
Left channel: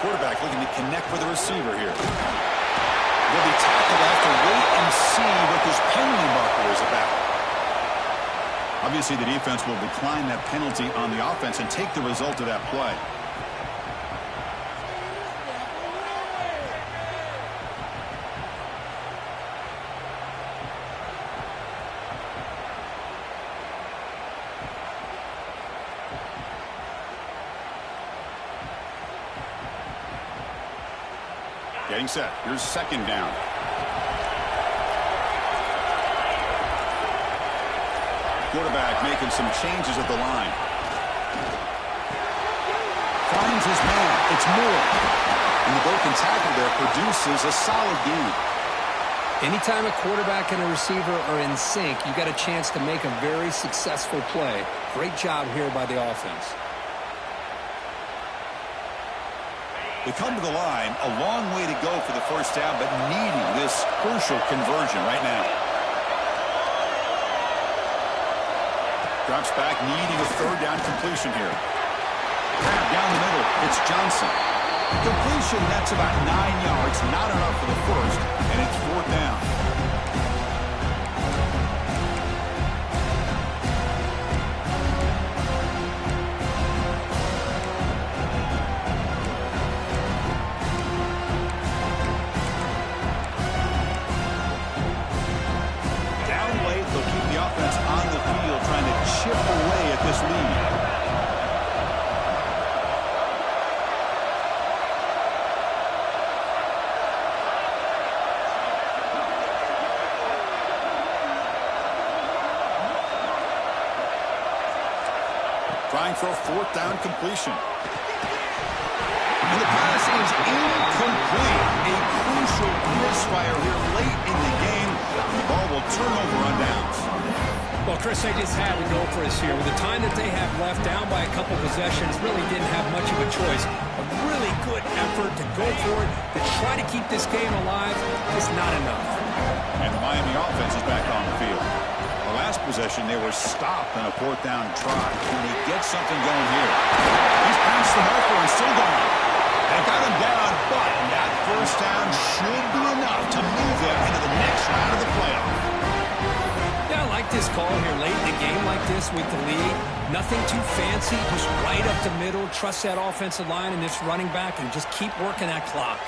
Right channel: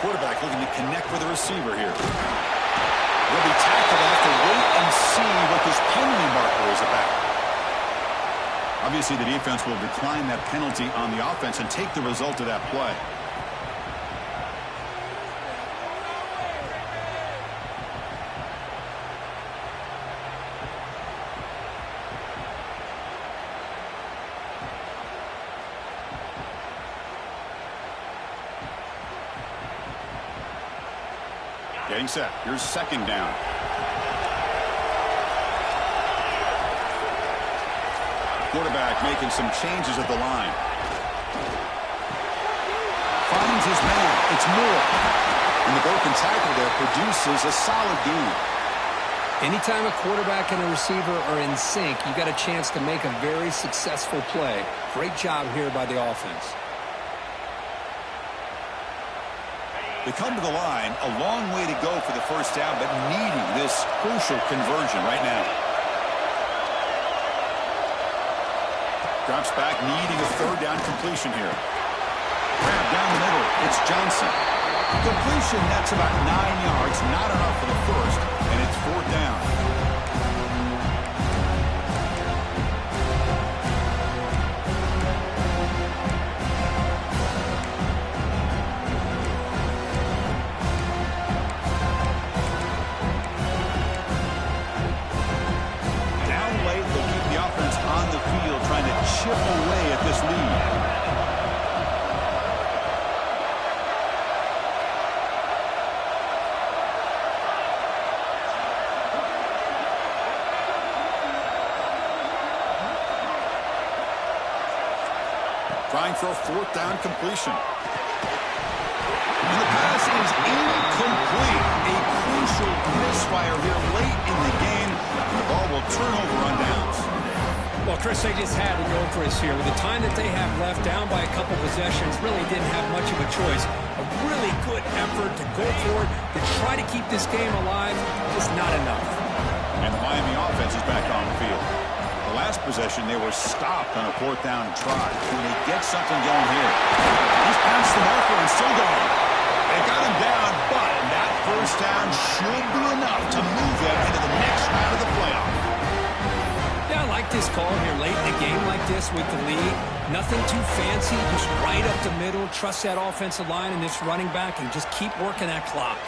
Quarterback looking to connect with the receiver here. Will be tackled. They'll have to wait and see what this penalty marker is about. Obviously, the defense will decline that penalty on the offense and take the result of that play. Getting set. Here's second down. Quarterback making some changes at the line. Finds his man. It's Moore. And the broken tackle there produces a solid gain. Anytime a quarterback and a receiver are in sync, you got a chance to make a very successful play. Great job here by the offense. They come to the line, a long way to go for the first down, but needing this crucial conversion right now. Drops back, needing a third down completion here. Grab down the middle, it's Johnson. Completion, that's about 9 yards, not enough for the first, and it's fourth down. offense on the field trying to chip away at this lead. Trying for a fourth down completion. And the pass is incomplete. A crucial misfire here late in the game. And the ball will turn over on downs. Well, Chris, they just had to go for us here. With the time that they have left, down by a couple possessions, really didn't have much of a choice. A really good effort to go for it, to try to keep this game alive, just not enough. And the Miami offense is back on the field. The last possession, they were stopped on a fourth down trot. Can he get something going here? He's past the marker and still going. They got him down, but that first down should be enough to move them into the next round of the playoff. Yeah, I like this call here late in a game like this with the lead. Nothing too fancy, just right up the middle. Trust that offensive line and this running back and just keep working that clock.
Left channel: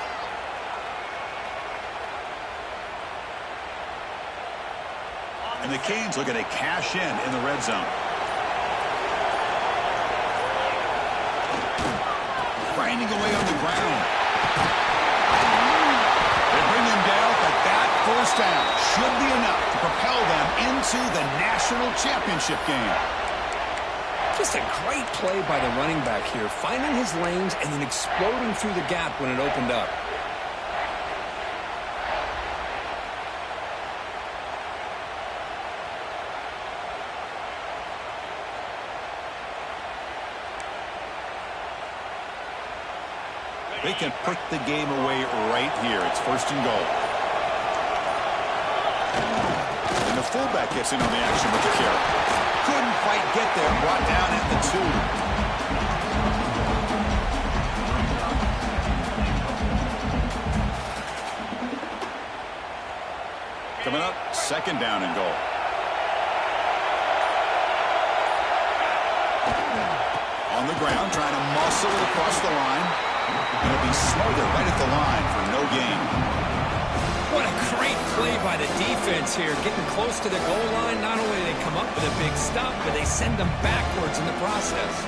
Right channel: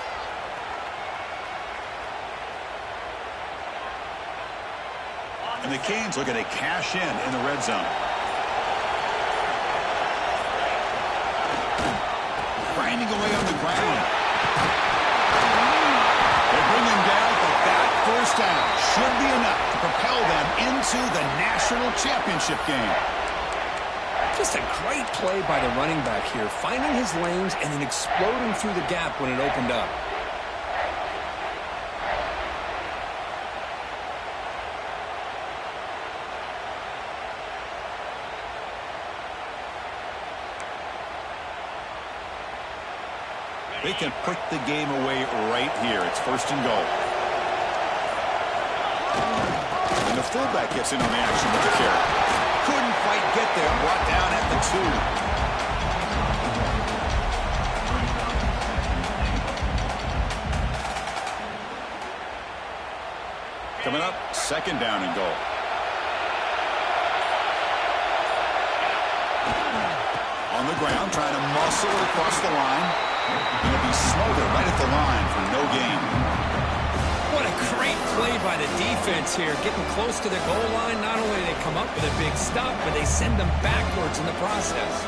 And the Canes looking to cash in the red zone. Grinding away on the ground. They bring him down, but that first down should be enough to propel them into the national championship game. Just a great play by the running back here, finding his lanes and then exploding through the gap when it opened up. They can put the game away right here. It's first and goal. And the fullback gets in on the action with the carry. Couldn't quite get there. Brought down at the 2. Coming up, second down and goal. On the ground, trying to muscle it across the line. He'll be smothered right at the line for no gain. What a great play by the defense here. Getting close to the goal line, not only do they come up with a big stop, but they send them backwards in the process.